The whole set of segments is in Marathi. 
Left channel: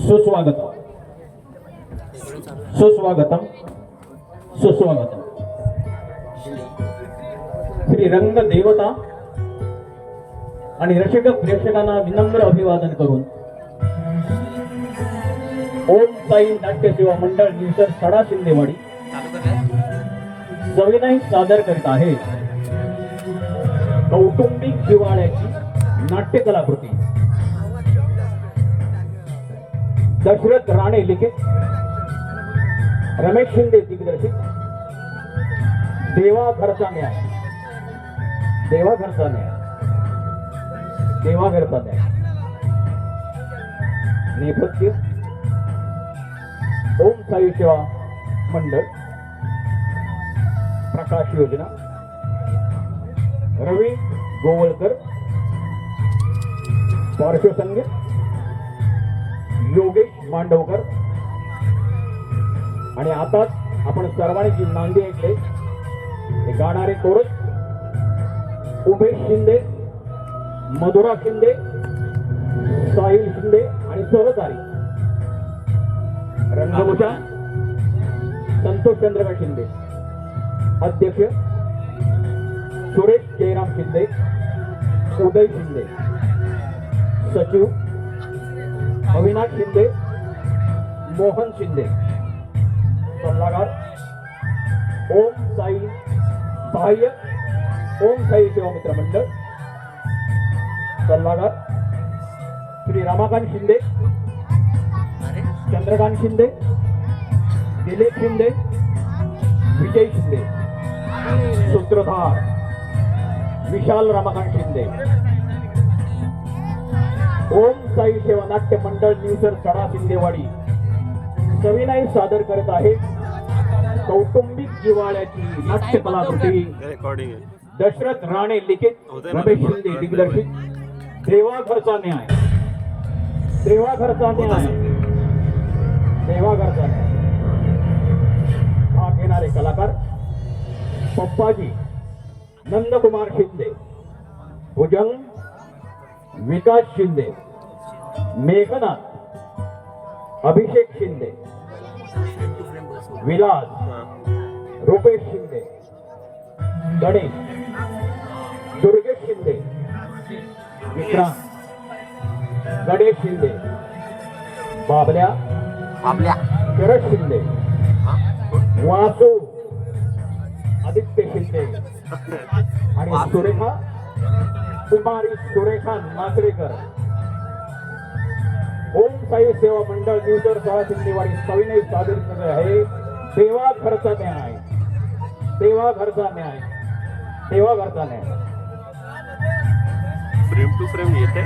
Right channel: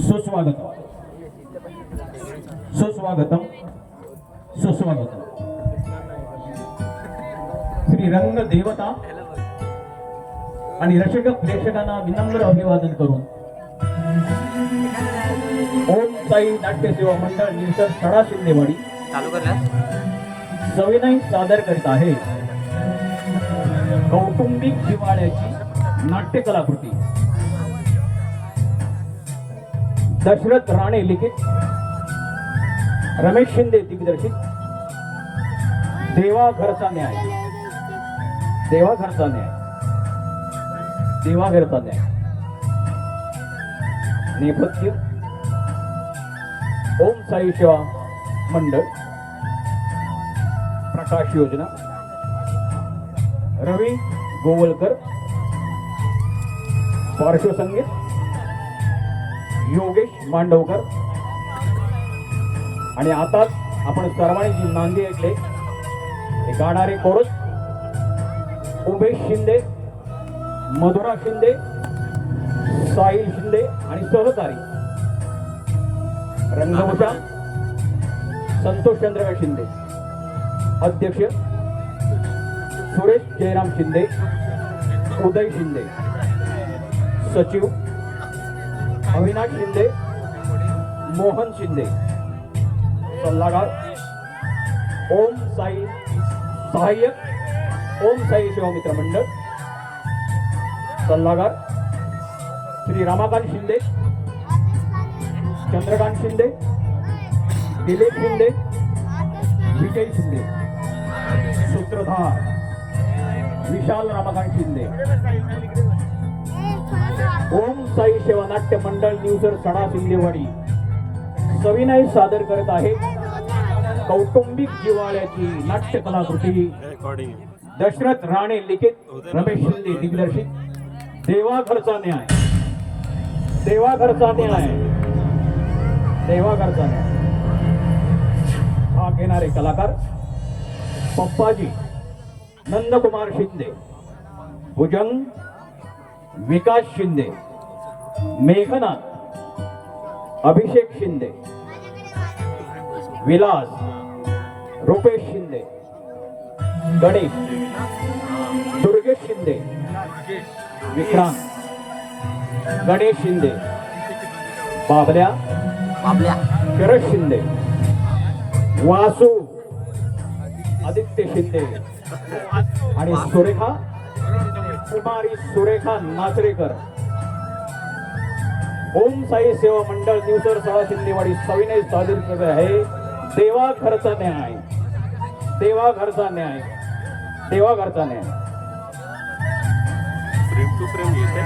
सुस्वागतम सुस्वागतम सुस्वागतम. श्री रंग देवता आणि रसिक प्रेक्षकांना विनम्र अभिवादन करून ओम साई नाट्य सेवा मंडळ निवसर सडा शिंदेवाडी सविनय सादर करीत आहे कौटुंबिक जिव्हाळ्याची नाट्य कलाकृती. दशरथ राणे लिखित, रमेश शिंदे दिग्दर्शित देवा घरचा न्याय. देवा घरचा न्याय. देवा घरचा न्याय. नेपथ्य ओम साई सेवा मंडळ, प्रकाश योजना, रवी गोवळकर, पार्श्वसंगीत योगेश मांडवकर. आणि आता आपण सर्वांनी जी नांदी ऐकले हे गाणारे कोरस उमेश शिंदे, मधुरा शिंदे, साहिल शिंदे आणि सहकारी रंगभूषण संतोष चंद्रकांत शिंदे. अध्यक्ष सुरेश जयराम शिंदे, उदय शिंदे. सचिव अविनाश शिंदे, मोहन शिंदे. सल्लागार ओम साई, सहाय्यक ओम साई सेवा मित्र मंडळ. सल्लागार श्री रमाकांत शिंदे, चंद्रकांत शिंदे, दिलीप शिंदे, विजय शिंदे. सूत्रधार विशाल रमाकांत शिंदे. ओम साई सेवा नाट्य मंडळ निवसर सडा शिंदेवाडी सविनय सादर करत आहे कौटुंबिक जिव्हाळ्याची नाट्य कलाकृती. दशरथ राणे लिखित, रमेश शिंदे दिग्दर्शित देवा घरचा न्याय. देवा घरचा न्याय. देवा घरचा न्याय. हा घेणारे कलाकार पप्पाजी नंदकुमार शिंदे, भुजंग विकास शिंदे, मेघनाथ अभिषेक शिंदे, विलास रुपेश शिंदे, गणेश दुर्गेश शिंदे, विक्रांत गणेश शिंदे, बाबल्या शरद शिंदे, वासू आदित्य शिंदे आणि सुरेखा कुमारी सुरेखा नाचरेकर. ओम साई सेवा मंडळ निवसर सडा शिंदेवाडी सविनय सादर करत आहे देवा घरचा न्याय. देवा घरचा न्याय. देवा घरचा न्याय. फ्रेम टू फ्रेम येते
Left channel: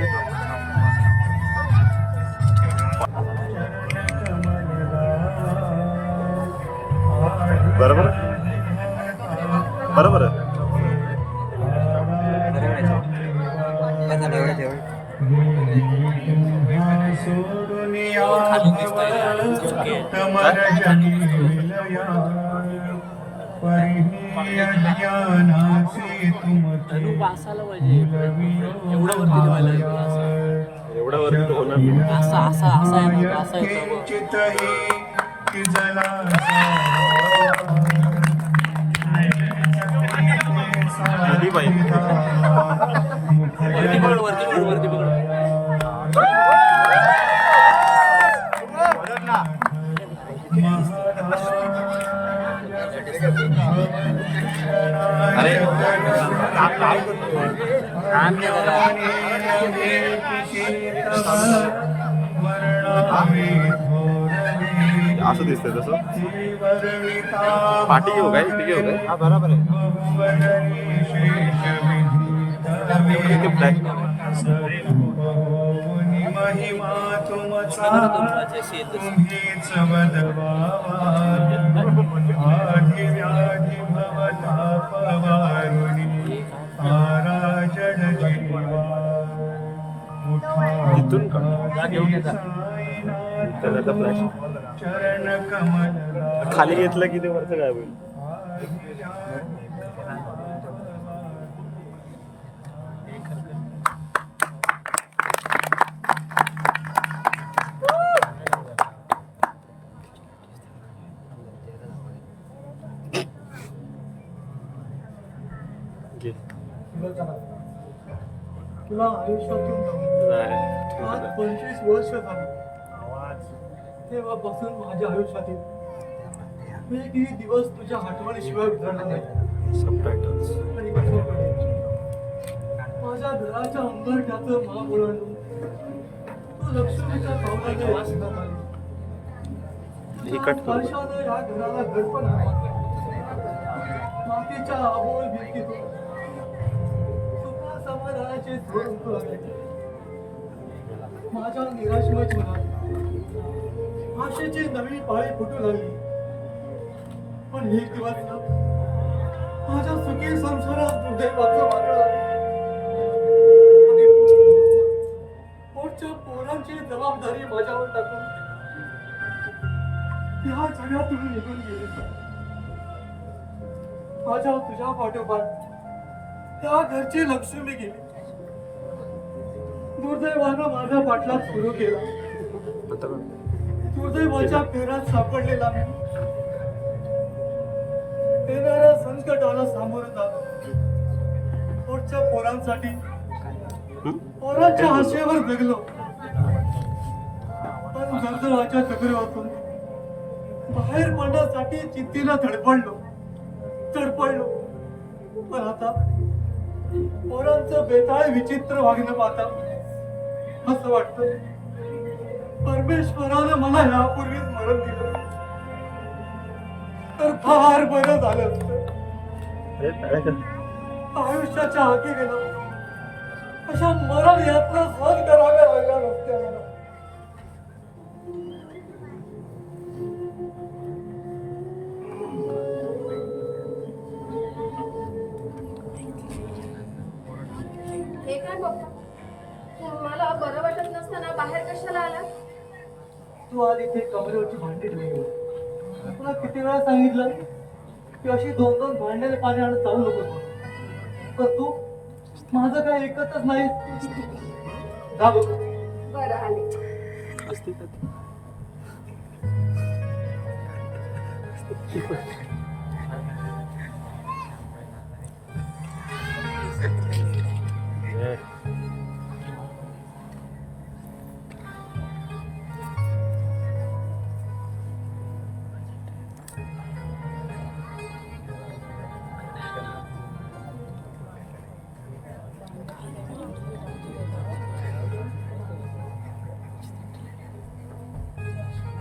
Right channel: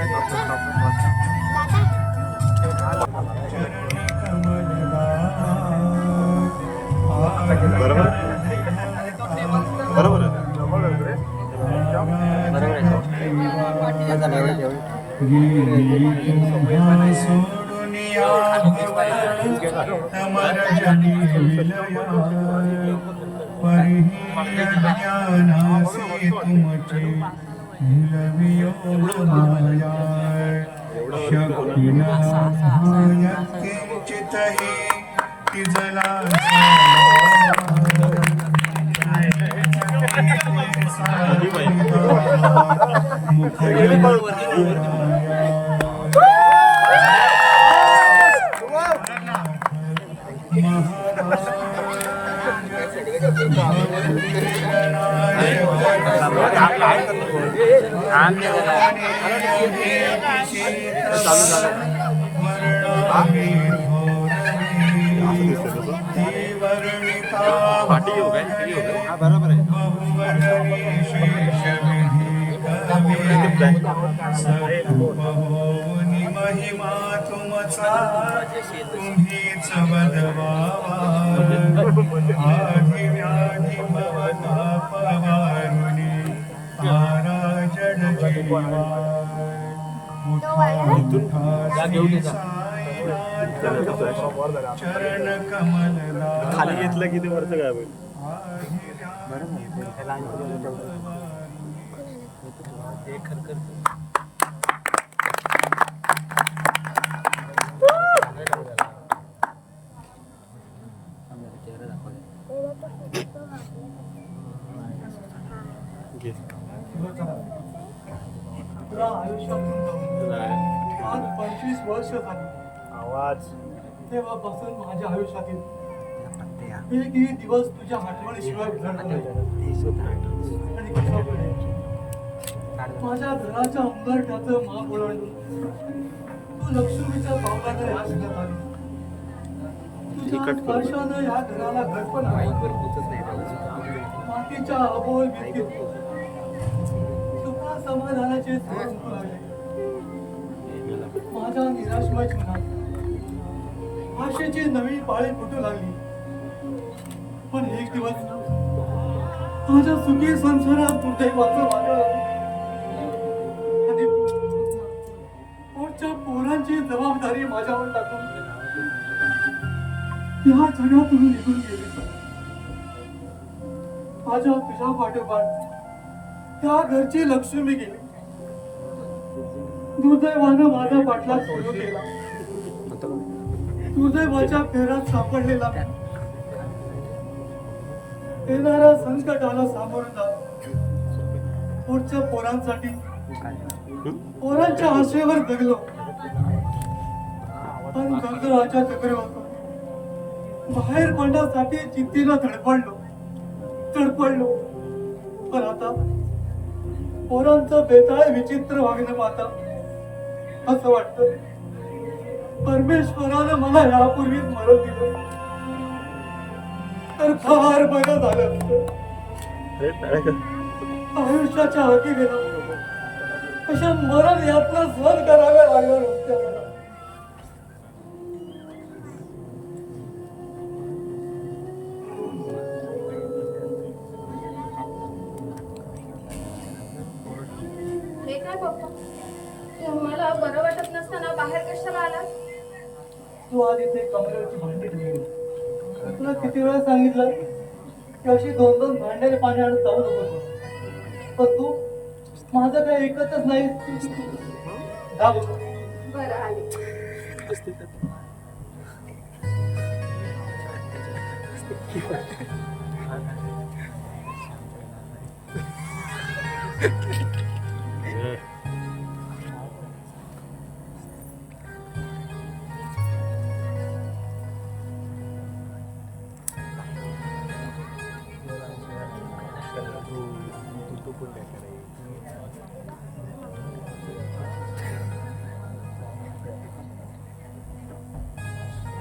बरोबर बरोबर काय करतो असं दिसतंय तसं पाठी घेऊ काय ठीक आहे. हा बरोबर आहे. इथून का घेऊन येता त्याला फ्लॅश खाली घेतलं की ते वरचं काय होईल घे तुला आयुष्यातून नाही आज 25 वर्ष झाली आवाज तेव्हापासून माझ्या आयुष्यातील एकही दिवस तुझ्या आठवणीशिवाय उजळला नाही सबटायटल्स आणि कसं कळेल? माझ्या घराच्या अंगठ्याचं मान ओलांडून तू लक्ष्मीच्या पावलाने या घरात आली तुझ्या कट करू. स्पर्शानं या घराला घरपण आहे मातीच्या अबोल भिंतीत सुखा समाधानाचे स्रोत उमटू लागले माझ्या निराशमय जीवनात आशेची नवी पाळी फुटू लागली पण एक दिवस माझ्या सुखी संसारात दुर्दैवाचं वाटलं लागलं आणि पोटच्या पोरांची जबाबदारी माझ्यावर टाकून या जगातून निघून गेली माझ्या तुझ्या पाठोपाठ त्या घरची लक्ष्मी गेली दुर्दैवानं माझा पाठलाग सुरू केला आता बघ. दुर्दैवाच्या फेरात सापडलेला मी येणाऱ्या संकटाला सामोरं जात पोटच्या पोरांसाठी पोरांच्या आशेवर जगलो आणि कर्जराच्या चक्रातून बाहेर पडण्यासाठी चित्तीला तडपडलो पण आता पोरांचं बेताळ विचित्र वागणं पाहता असं वाटतं परमेश्वरानं मला यापूर्वीच मरण दिलं तर फार बरं झालं असतं. अरे टाळ्या कर. आयुष्याच्या हाती गेलो अशा मरण यातना सहन कराव्या लागल्या नसत्या हे काय पप्पा तुम्हाला बरं वाटत नसताना बाहेर कशाला आला तू आज इथे कमरेवरची भांडी ठेवली तुला किती वेळा सांगितलं की अशी दोन दोन भांड्याने पाणी आणत जाऊ नको पण तू माझं काय ऐकतच नाही जा बघू. बरं आली असते का ते? ए.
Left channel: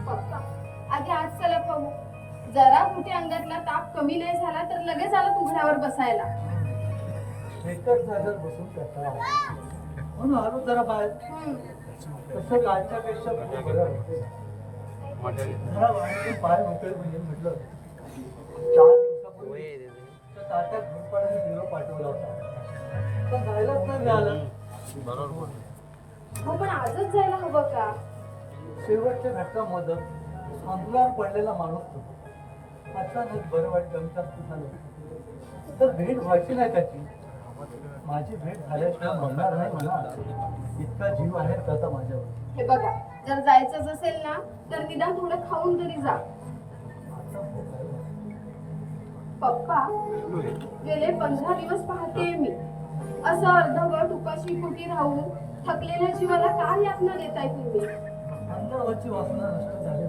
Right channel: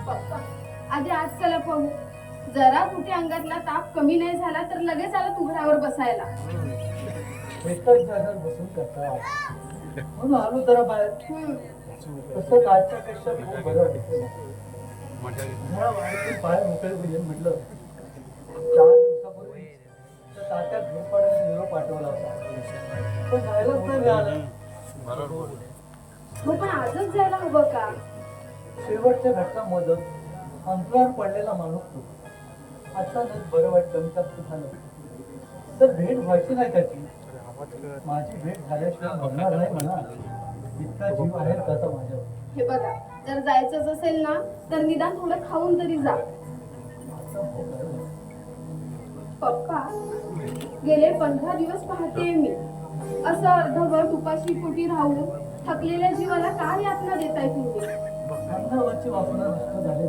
पप्पा आधी आज चला पाहू जरा कुठे अंगातला ताप कमी नाही झाला तर लगेच आला उघड्यावर बसायला एकटाच जागेवर बसून कंटाळा आला. म्हणून आलो जरा बाहेर तसं कालच्या पेक्षा खूप बरं वाटतं. जरा वाटेतून पाय मोकळे होईल म्हटलं 4 दिवसापूर्वी त्या तात्या घोरपाड्याने निरोप पाठवला होता पण जायलाच नाही मिळालं बरोबर बोलला. हो पण आजच जायला हवं का शेवटच्या घटकामध्ये अंतरावर पडलेला माणूस होता अचानक बरं वाट कमी जास्त झालं तर भेट व्हायची नाही त्याची माझी भेट झाल्याशिवाय म्हणणार नाही म्हणा इतका जीव आहे त्याचा माझ्यावर हे बघा जर जायचंच असेल ना तर निदान थोडं खाऊन तरी जा पप्पा गेले 15 दिवस पाहते मी असं अर्धवट उपाशी पोटी राहून थकलेल्या जीवाला काय यातना देताय तुम्ही अंगावरची वासना नष्ट झाली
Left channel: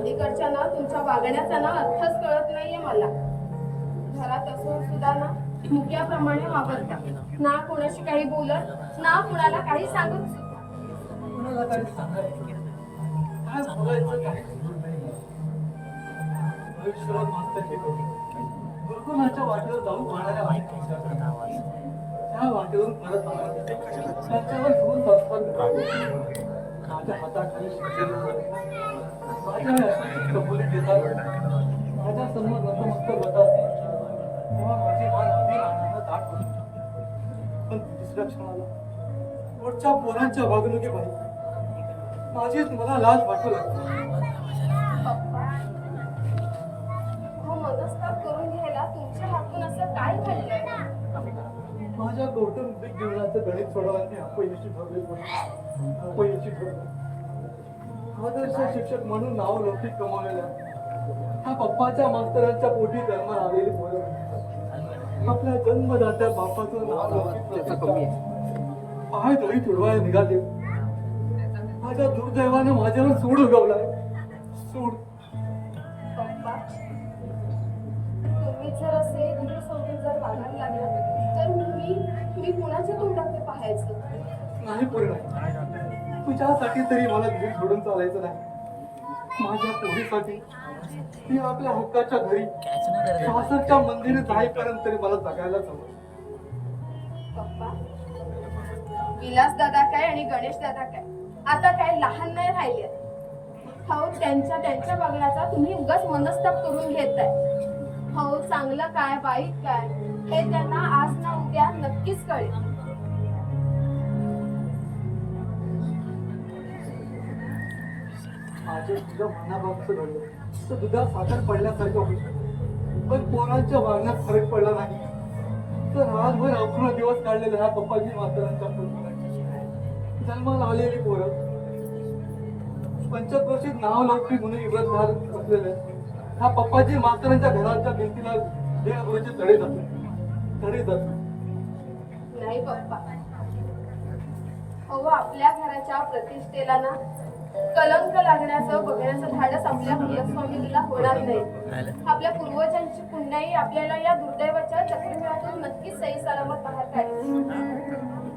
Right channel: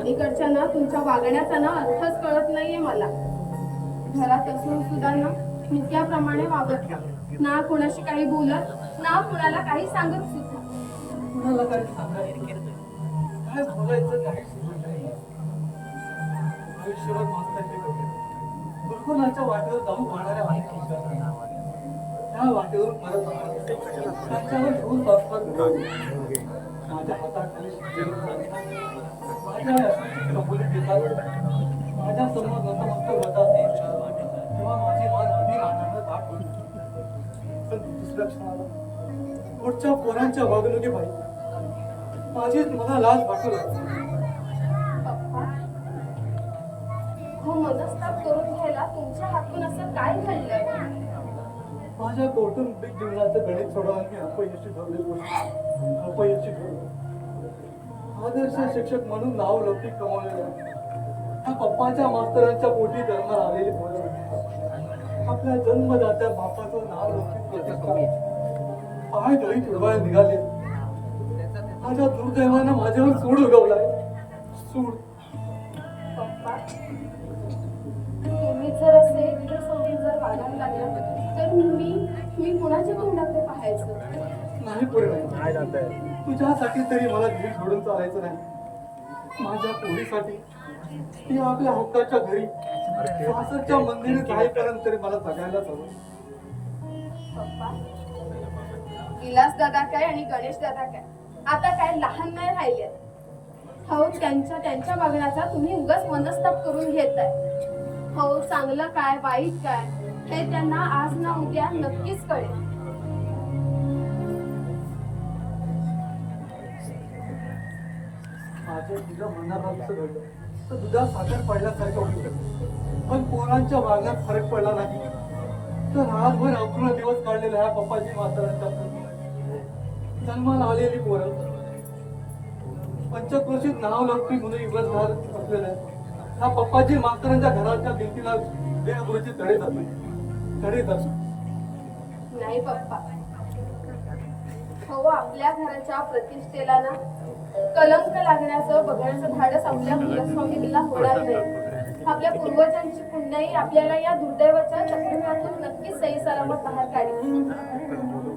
अलीकडच्या ना तुमच्या वागण्याचा ना अर्थच कळत नाहीये मला घरात असून सुद्धा ना मुक्याप्रमाणे वावरता ना कोणाशी काही बोलत ना कोणाला काही सांगत सुद्धा कुणाला काही सांगायचं काय बोलायचं काही सुचत नाही. आयुष्यभर मास्तरकी करून गुरुकुलाच्या वाटेवर जाऊन पडणाऱ्या वाईट विचारांना त्या वाटेवरून परत आला. त्याच्यावर दोन संस्कार होते. माझ्या हाताखाली शिक्षण माझ्या समोर नतमस्तक होतात तेव्हा माझी मान अगदी आनंदात दाट होती. पण दुसऱ्या क्षणाला पुढच्या पोरांच्या वागणुकीबाई माझीच मला लाज वाटू लागली. पप्पा हो मनस्ताप करून घ्यायला तुमच्या हातून असं काय घडलंय? माझ्या कौटुंबिक जीवनाचं गणित सोडवायला मी अपयशी ठरले. अपयशी ठरलो. आदर्श शिक्षक म्हणून नाव लौकिक कमावलेल्या त्या पप्पाच्या मास्तरांच्या पोटी जन्माला आलेली पोरं आपल्या जन्मदात्या बापाचं नाव लौकिक पाय दळी तुडवायला निघाले. माझ्या दुर्दैवानं माझ्यावर सूड उगवलाय. सूड. पप्पा तुम्ही जर असे गैरसमजून जर वागायला लागला तर मी कुणाच्या तोंडात ते पाहायचं? नाही पूर्ण तुझ्यासाठी तरी मला धीर सोडून चालायचं नाही. माझ्या पोरीसाठी ती आपल्या हक्काच्या घरी सासरच्या मंदिरात जाईपर्यंत तरी मला जगायलाच हवं. पप्पा विलास दादा काय आणि गणेश दादा काय आता काय लहान नाही राहिले. हो त्यांच्या वागण्याचा तुम्ही उगाच मनस्ताप करून घेताय. हो चांगलं काय वाईट काय हे त्यांना आज ना उद्या नक्कीच कळेल. माझे तुझं मनाभागचं घडलं तर दुधात साखर पडल्यासारखं होईल. पण पोरांच्या वागण्यात फरक पडला नाही तर रातभर अवघड दिवस काढलेल्या ह्या पप्पाजी मास्तरांच्या जन्माला आलेली पोरं पंचक्रोशीत नाव लागली म्हणून इब्रत बसलेलं ह्या पप्पाजी मास्तरांच्या घराच्या भिंतीला देहगुरूचे तडे जातात. नाही पप्पा हो आपल्या घराच्या प्रतिष्ठेला ना कलंक लागण्याचं बघण्याचं धाडस आपल्या कुलस्वामिनीला होणार नाही. आपल्या पूर्वजांची पुण्याई आपल्याला या दुर्दैवाच्या चक्रव्यूहातून नक्कीच सही सलामत बाहेर काढेल.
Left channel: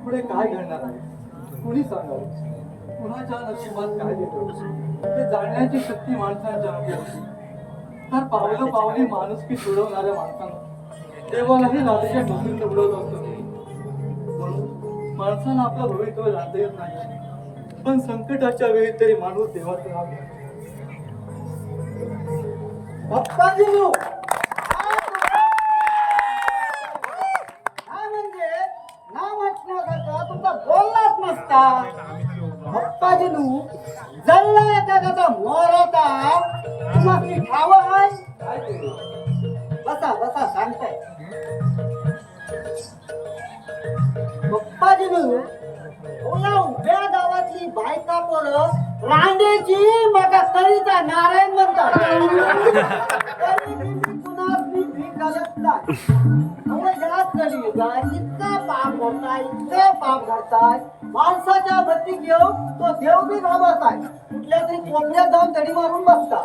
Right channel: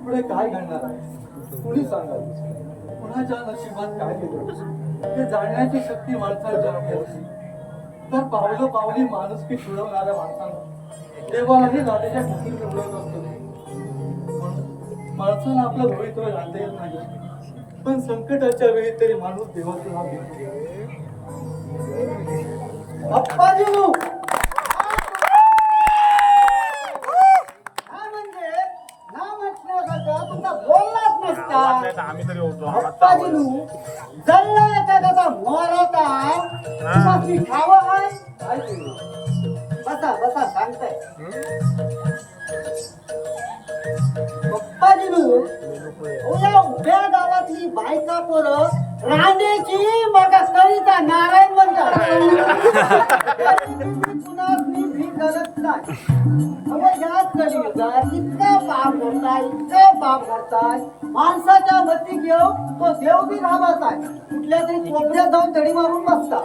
पुढे काय घडणार आहे कुणी सांगावं? कुणाच्या नशिबात काय लिहिलं ते जाणण्याची शक्ती माणसाच्या होती. तर पावली माणुसकी सोडवणाऱ्या माणसांना देवालाही नात्याच्या डोंगरीत उडवलं असतं. म्हणून माणसाला आपलं भवितव्य जाणता येत नाही. पण संकटाच्या वेळी तरी माणूस देवाचं नाव घेतो. अप्पाजी काय म्हणजे नाव म्हटल्यासारखं तुमचा बोललाच नसता. अप्पाजीनू जल्ला एखाद्याचा मोर होता तुम्हाला ठाव आहे. बसा बसा सांगताय. अप्पाजीनू या उभ्या गावातली बायका पोरं रांडेची मग करीता नारायण म्हणतात. इतका पाप करताय माणसाच्या मती घेऊ तो देव बी घाबरत आहे. कुठल्या तरी कोपऱ्यात जाऊन तडी मारून बसता.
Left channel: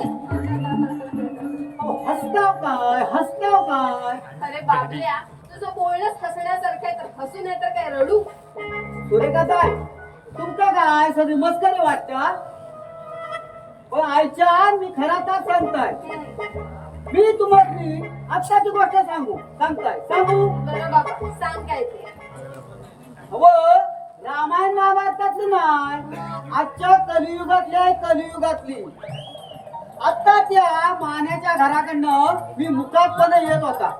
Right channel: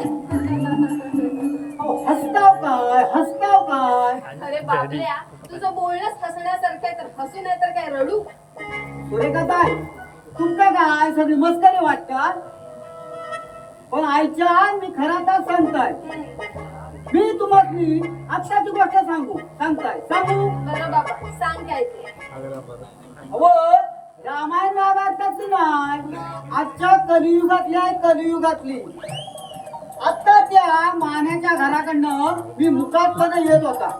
हसताव काय अरे बाबल्या तुझं बोलणंच हसण्यासारखं आहे तर हसू नाही तर काय रडू? सुरेखा काय तुमका काय सगळी मस्करी वाटतात. पण आईच्या मी खरा तर सांगताय. मी तुम्हाला आत्ताची गोष्ट सांगताय सांगू. बरं बाबा सांग काय ते. अहो रामायण महाभारतातली नाही आजच्या कलियुगातली. आता त्या मान्याच्या घराकडनं मी मुकाटपणे येत होता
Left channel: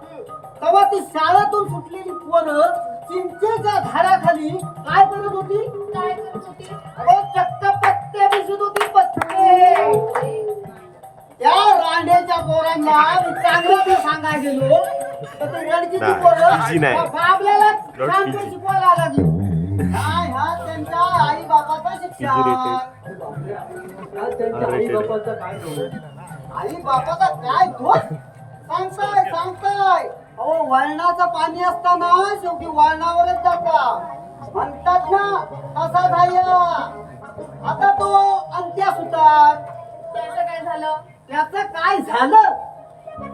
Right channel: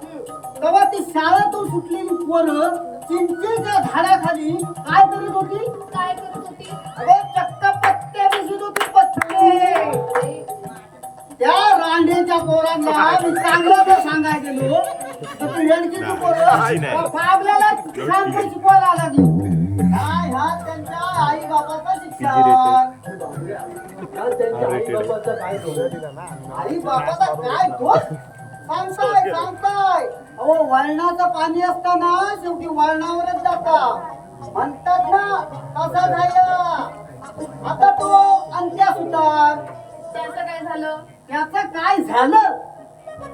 तेव्हा ती शाळेतून सुटलेली पोरं चिंचेच्या झाडाखाली काय करत होती? काय करत होती? अरे चक्क पत्ते दिसत होती. पत्ते त्या रांडेच्या पोरांना मी चांगलं ते सांगायला गेलो तर ती रेडकीची पोरं बाबल्याला छानपणे शिकवायला लागली. काय हा त्यांच्या आई बाबाचं शिक्षण. आई बाबाचा काय दोष सांगताय. अहो वळणाचं पाणी असताना शेवटी वळणावरच जाता म्हणतात ना. कसा झाला आता तो अंत्या सुतार. त्याचं काय झालं? त्याचं काय झालं?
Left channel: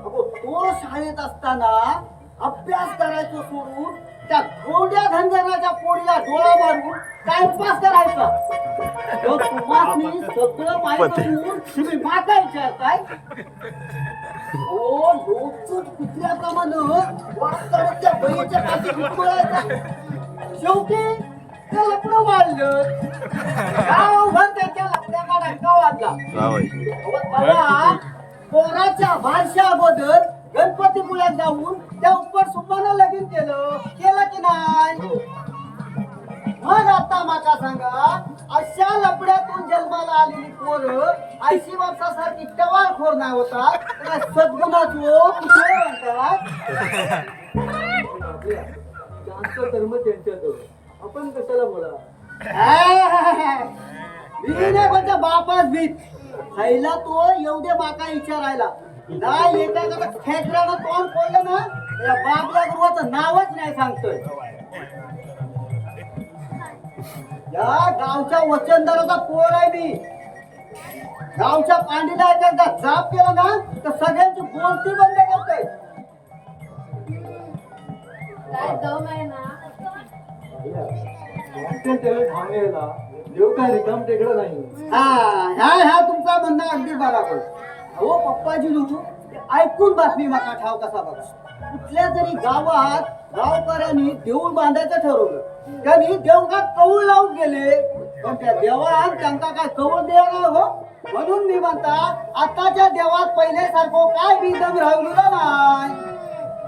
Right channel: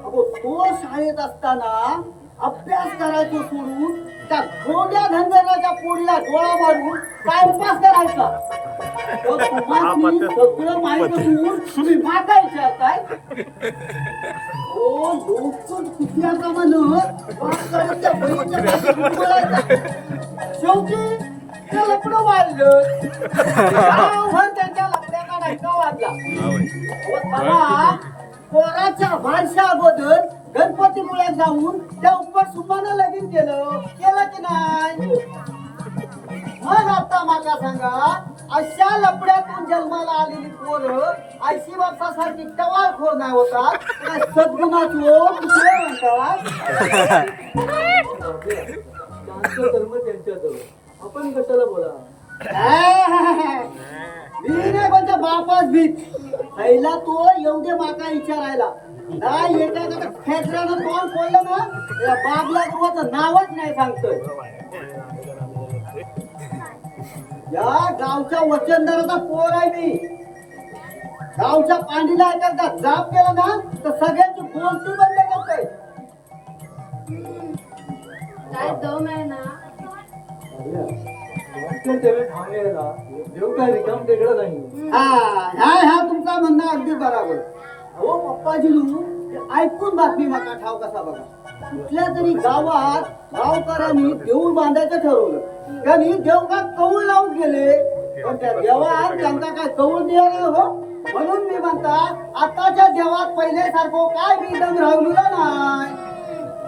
अगो तो शाळेत असताना अभ्यास करायचो सोडून त्या गोड्या धनगराच्या पोरीला डोळा मारून टाइमपास करायचा. तो तुम्हाला सगळं माहित असून तुम्ही माका विचारताय. ओ लोकच कुठल्या म्हण वाचकाच्या बळीच्या पाठी उडवायचं. शेवटी ते लपडं वाढलं. गावभर त्याच्या लपड्याचा डंका वाजला. बाबा, पोराच्या बारशा अगोदर गणपतीपुळ्यात जाऊन त्या उपर सुपानं लगीन केलं की नाही? मग आता माका सांगा, अशा लपड्यातून जन्माला आलेली पोरं आयशी बापसासारखी टवाळखोर नाही होतात, काय सद्गुणाचो कुठे म्हणतात? त्यांचं कर्म त्यांच्याजवळ, आपण कशाला बोला? म्हणजे बापाच भीत खायला तो एवढे माका विचारायला नाही. एका खेकड्यानं तोंड फोडलं ना, या बाबला गुरुवाचं नावच नाही सांगतोय. या गावच्या वचनदाराचा पोर आहे मी. गावच्या पांडीला एखादा जाप केला ना तर सगळ्यांची बोलती बंद करतोय. काय दम आहे ना. देव काय रिकाम टेकडा नाही. हा तुमचा म्हणणं अगदी बरोबर. हो पप्पाजी, ऐकून बातमी माका ठाव कसा बघा. कुठल्या तरी गावात गावकऱ्यांनी देऊळ बांधायचं ठरवलं. त्यांनी देवघात कौल लावून गेले, पण त्या देवात त्यांना काय कौल द्यायला हो. म्हणून मी म्हणता, आताच्या देवात पहिल्यासारखं काय बी दम राहिलेला नाही.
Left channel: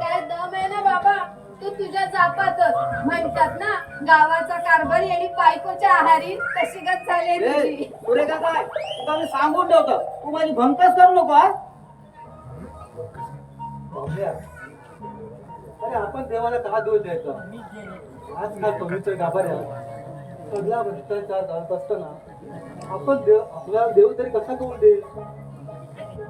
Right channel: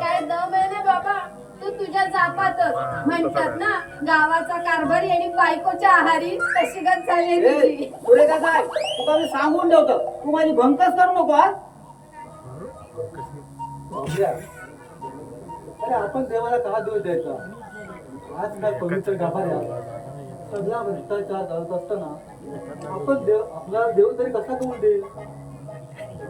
काय दम आहे ना बाबा. तू तुझ्या जापातच म्हणतात ना, गावाचा कारभारी आणि बायकोच्या आहारी कशी गत झाली तुझी. पुढे का काय तुका मी सांगून ठेवतो, तू माझी भंकस करू नको. अरे आपण देवाला का दोष द्यायचा? आजकाल पवित्र गाभाऱ्यात सगळा भ्रष्टाचार चालत असताना आपण देव, आपला देव तरी कसा करून देईल?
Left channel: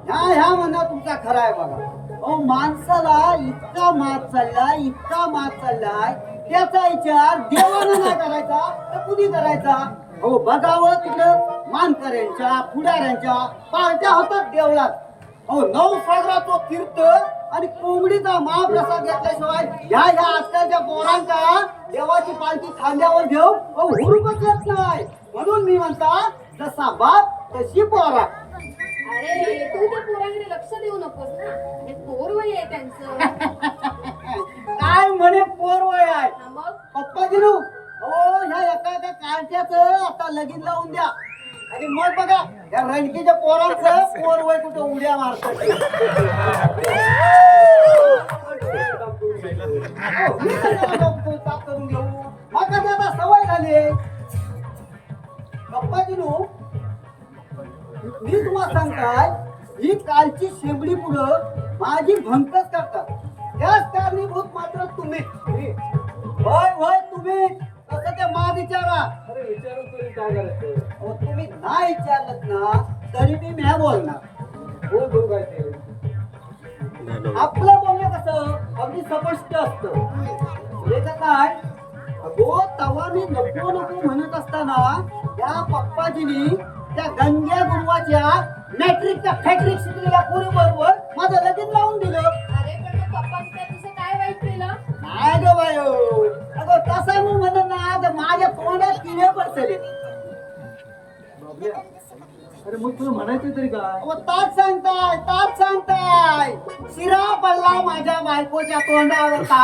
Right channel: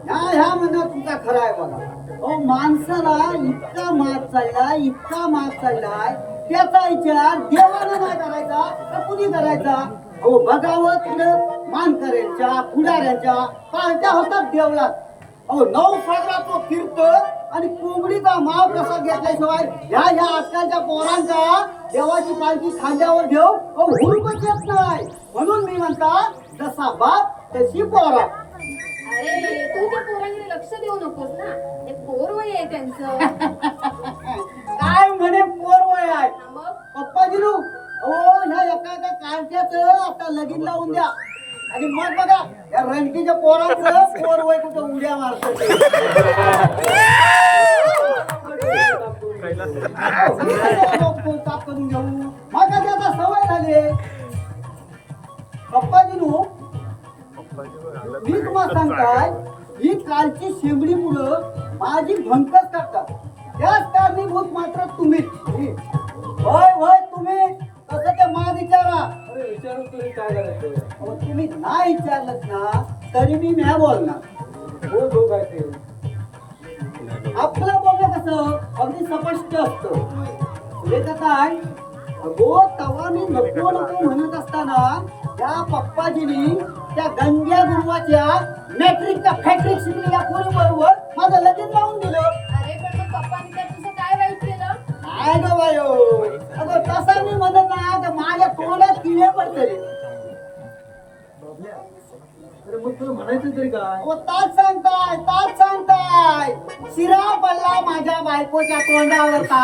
ह्या म्हणणं तुमचा खरा आहे बघा. अहो माणसाला इतका मात चाललाय, त्याचा विचार देवानं नाही करायचा तर कुणी करायचा? अहो बघावं तिकडं मानकऱ्यांच्या पुढाऱ्यांच्या पार्ट्या होतात देवळात. अहो 9 सागराचं तीर्थ आणि कोंबडीचा महाप्रसाद घेतल्याशिवाय ह्या आजकालच्या पोरांचा देवाची पालखी खांद्यावर घेऊ हुरूपच येत नाही. म्हणून मी म्हणता, जसा बाप तशी पोरा. अरे तू त्या पोरांकडे लक्ष देऊ नकोस ना. हे पोरवय आहे त्यांचं. काय म्हणे पोरवय आहे? मग पप्पाजीनू, अहो ह्या एका कांट्याचं आता लगीन लावून द्या आणि मग बघा या रणकीच्या पोरांचं पोरवय कुठं उड्या मारत. करून घेऊ मग आता सवय झाली. पप्पाजीनू, मी तुम्हाला सांगताय, ही कालची शेंबडी पुढं माझी भंकच करतात. त्याच कारणीभूत मात्र तुम्हीच. होय तुम्ही. तसं ते मा विचारा. अरे विचारून तरी काय करायचं? अहो, तुम्ही नाही विचारलत ना तरी मी म्या बोलणार. बोल बोल काय ते. आपलं बोलणं कसं अगदी स्पष्ट असतं. हे का काय, अगो तवा मी नको म्हणत असताना त्या पप्पाजीनी त्या गंग्या गुरुवाच्या मॅट्रिकच्या फॅक्ट्रिक शिकलेल्या पोरी बरोबर माझं लगीन लावून दिलं. अरे पण मग पप्पांनी तर तुझं काय वाईट केलं? नाही गो बायो, अगो तसं मी म्हणत ना तर माझ्या तोंडात किडे पडतले. अरे मग तुला म्हणायचं तरी काय? अहो, ताच सांगताय शिरा पडला माझ्या बायकोच्या तोंडावर का?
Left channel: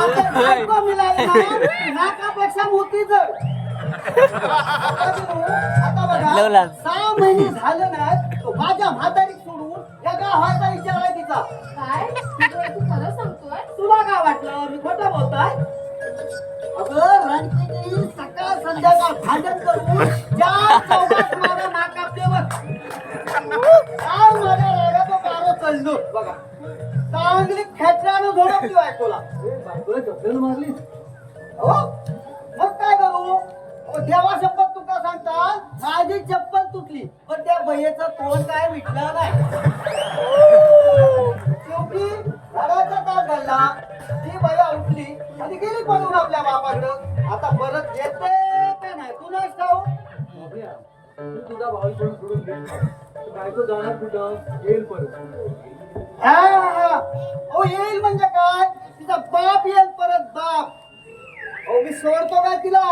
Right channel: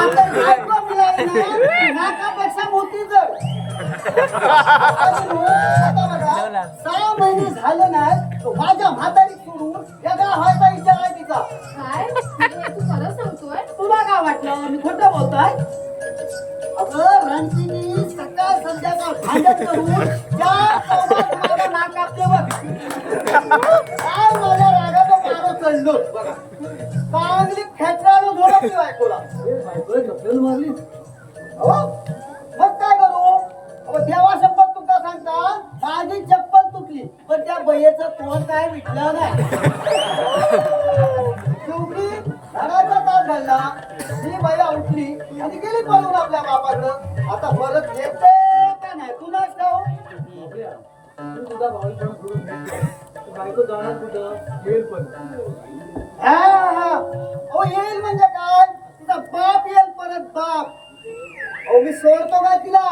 आता बायको मिळाली ना, नाकापेक्षा मोठी जड. आता बघा 6 महिने झाले नाही तो माझ्या म्हातारी सोडून या गावाचा विचार आहे तिचा. काय तू खरं सांगतोय? तुला काय वाटलं मी खोटं बोलतोय? अगं रणसिंगी सकाळ संध्याकाळ भांडण करून 4 चौघात माझ्या नाक कापले बघ. काय माझ्या रागाचा पारो चढलो बघा. चांगली खेत्रानं झोडपली बायकोला. बायकोला चपलेलं मारली. अहो मग काय करू? देवा शपथ तुका सांगता, माझी चप्पल तुटली पण त्या बयेचं तोंड काय मिटलं नाही. शेवटी घराचा ताप घालला, ती बाई उठली आणि गेली पळून आपल्या बापाकडं. आता परत येते का नाही तुलाच ठाऊ. तू तुझा भाऊ पण सोडून घेतला. बायको जाणार कुठं? येईल परत. हा अहो येईल म्हणजे काय, तिचा बाप येईल परत बाप. अहो मी सोडतो काय तिला,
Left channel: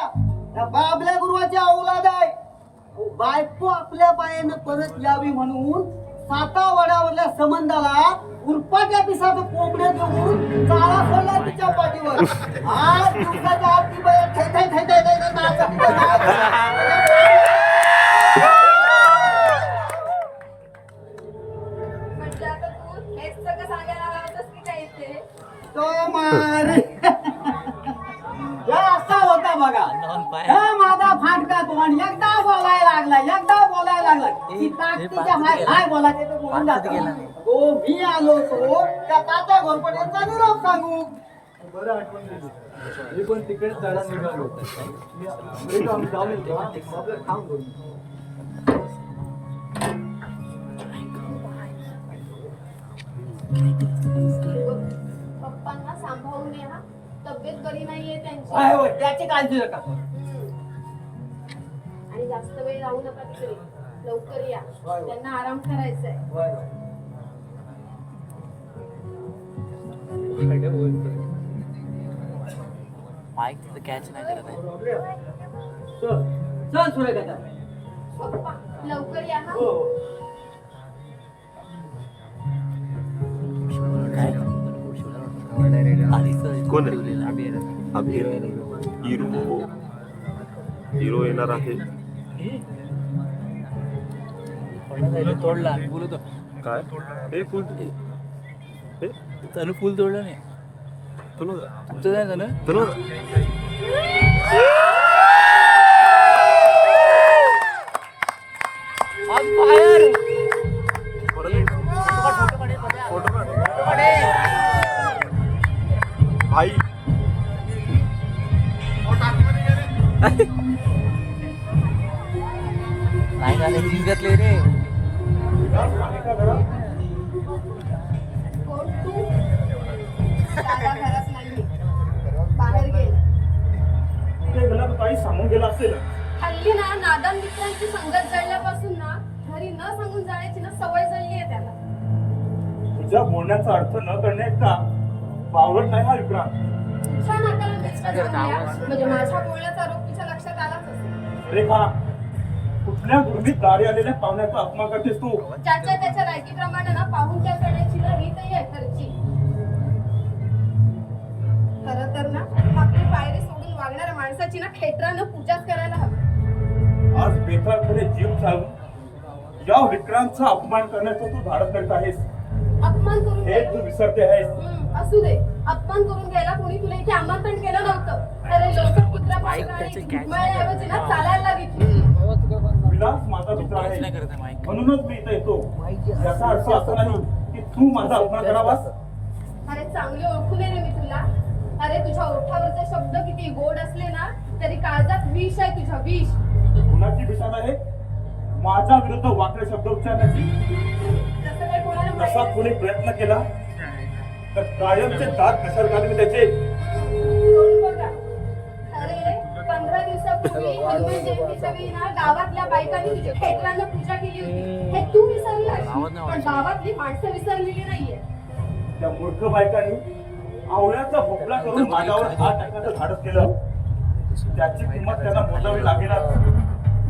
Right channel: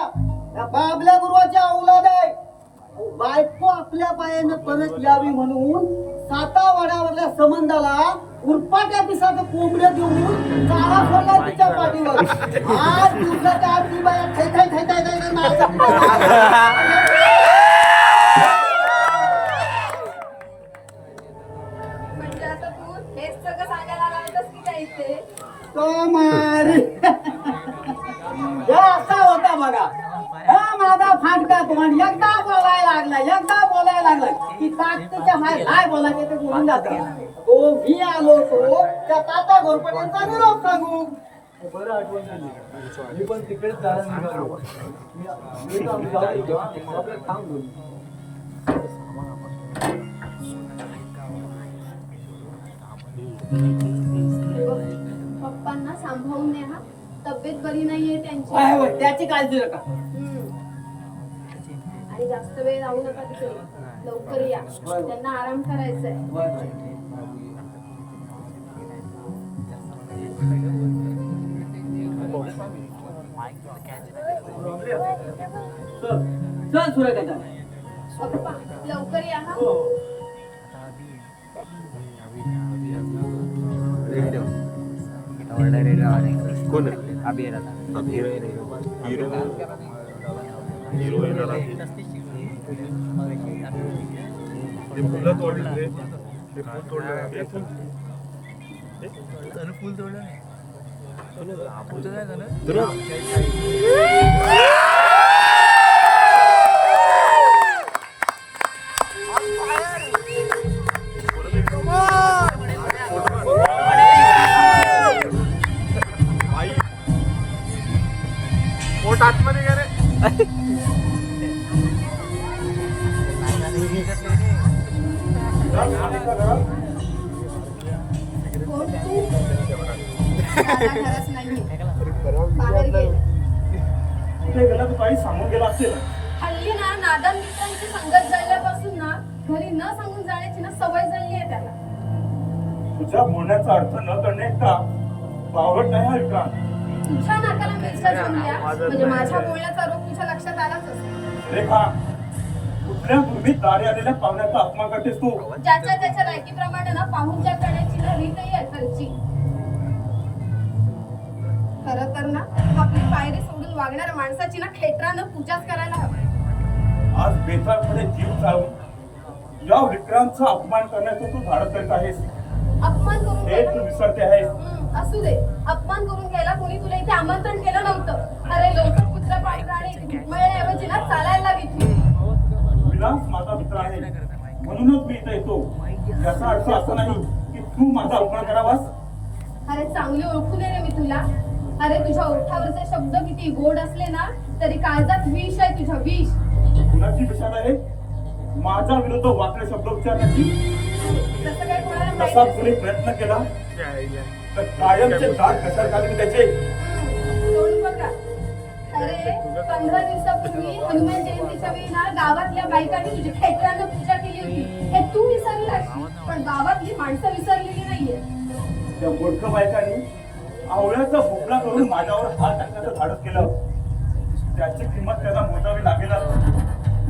त्या बाबल्या गुरुवाची औलाद आहे. अहो, बायको आपल्या पायानं परत यावी म्हणून सातावाड्यावरल्या संबंधाला उरपाट्या पिसाचं कोंबड्या देऊन चाला सोडला तिच्या पाठीवर. आज दिवसाच्या आत ती बाई थै नाचत म्हणजे आता तू हेच सगळं सांगायला लागतस की काय इथे? मारी असा होता बघा. हा माझा फाटका तोंड एकदा बोलायला लागला की ताकदीच्या हाय बोलायचे ते बोलून जाते. हो मी आलो होतो त्या तात्या घोरपट्यांचा निरोप सांगू. बरं आठवण दिली. मी पण तिकडेच जाणार निघालो. आम्ही जाऊन येतो. आपल्याला थांब दोन. पप्पांना सांभाळून न्या. तब्येत बरी नाहीये त्यांची. आहे होय, त्याची काळजी नका. आणि जास्त वेळ राहू नका तिकडे. लवकर या, त्यांना आराम करायचंय. चल सुरेखा. पप्पा लवकर या हा. कोण आहे हिरो येणार आहे. काय हे फुल तनु फुल तोडलं नाही. तुझं नाही झालं? भाई पोट आतमध्ये गे रे. नाही झालं जिंकतले रे. दादा खरंच नाहीये. बाहेर गेले. कुठे गेला तर काही सांगून गेला असेल. हल्ली ना नादान मित्रांची संगत जळल्यापासून ना घरी न सांगून जाण्याची ना सवय जळली आहे त्याला. तुझ्या बोलण्याचा अर्थ न करणे का बावळट नाही हा विक्रांत. तुझ्या नाकाला मिरच्या जोडल्या म्हणजे माझ्या बोलण्याचा रोग तुझ्या लक्षात आलाच असेल. रेखा, कुठल्या गुरमीत दारी आलेल्या पाहुण्याचा अपमान करतेस तू. ज्याच्या त्याच्या लायकीप्रमाणे ना पाहुणचार करण्याची ना रीतही आहे घरची. खरं तर ना आपली पायरी सोडून वागणाऱ्या माणसाची ना खेटरानं पूजाच करायला हवी. आज बेताळपणे जीव चालून या विक्रांतचा अपमान करण्याचं तू धाडस करत आहेस. अपमान करून हे तू विसरते आहेस. असू दे. अपमान करून गेला कोणी तुला इथे आमंत्रण केलं नव्हतं. अरे लोक कुत्र्याऐवजी ना चालायला लागितली. विलास माझा मित्र आहे म्हणूनच मी इथे येतो. याचा अर्थ असा नाही की तू माझा अपमान करावास. अरे चांगली ओळखून ये रे मी तुला. अरे तुझ्या ओठावरचे शब्द किती गोड असले ना तरी काळजात विष आहे तुझ्या. विष. कुणाची विषाद आहे माझ्या विरुद्ध वाकडे शब्द उच्चारण्याची. तसं काही कोणाला तसा माहित कुणी प्रयत्न केला तर कायमचे दात घसर घालून त्याचे. तोंड बघा. अरे 15 दिवसापूर्वी हनुमान जयंतीच्या वेळी ना गावातल्या बायकांनी तुझी खेटरानं पूजा केली होती. हे तू विसरलास पण गावातली माणसं विसरलेली नाहीये. त्या मूर्ख बायकांनी आवळ्याचा भोपळा करून माझ्यावर हात टाकण्याचं धाडस केलं. त्याची किंमत त्यांना मोजावी लागेल.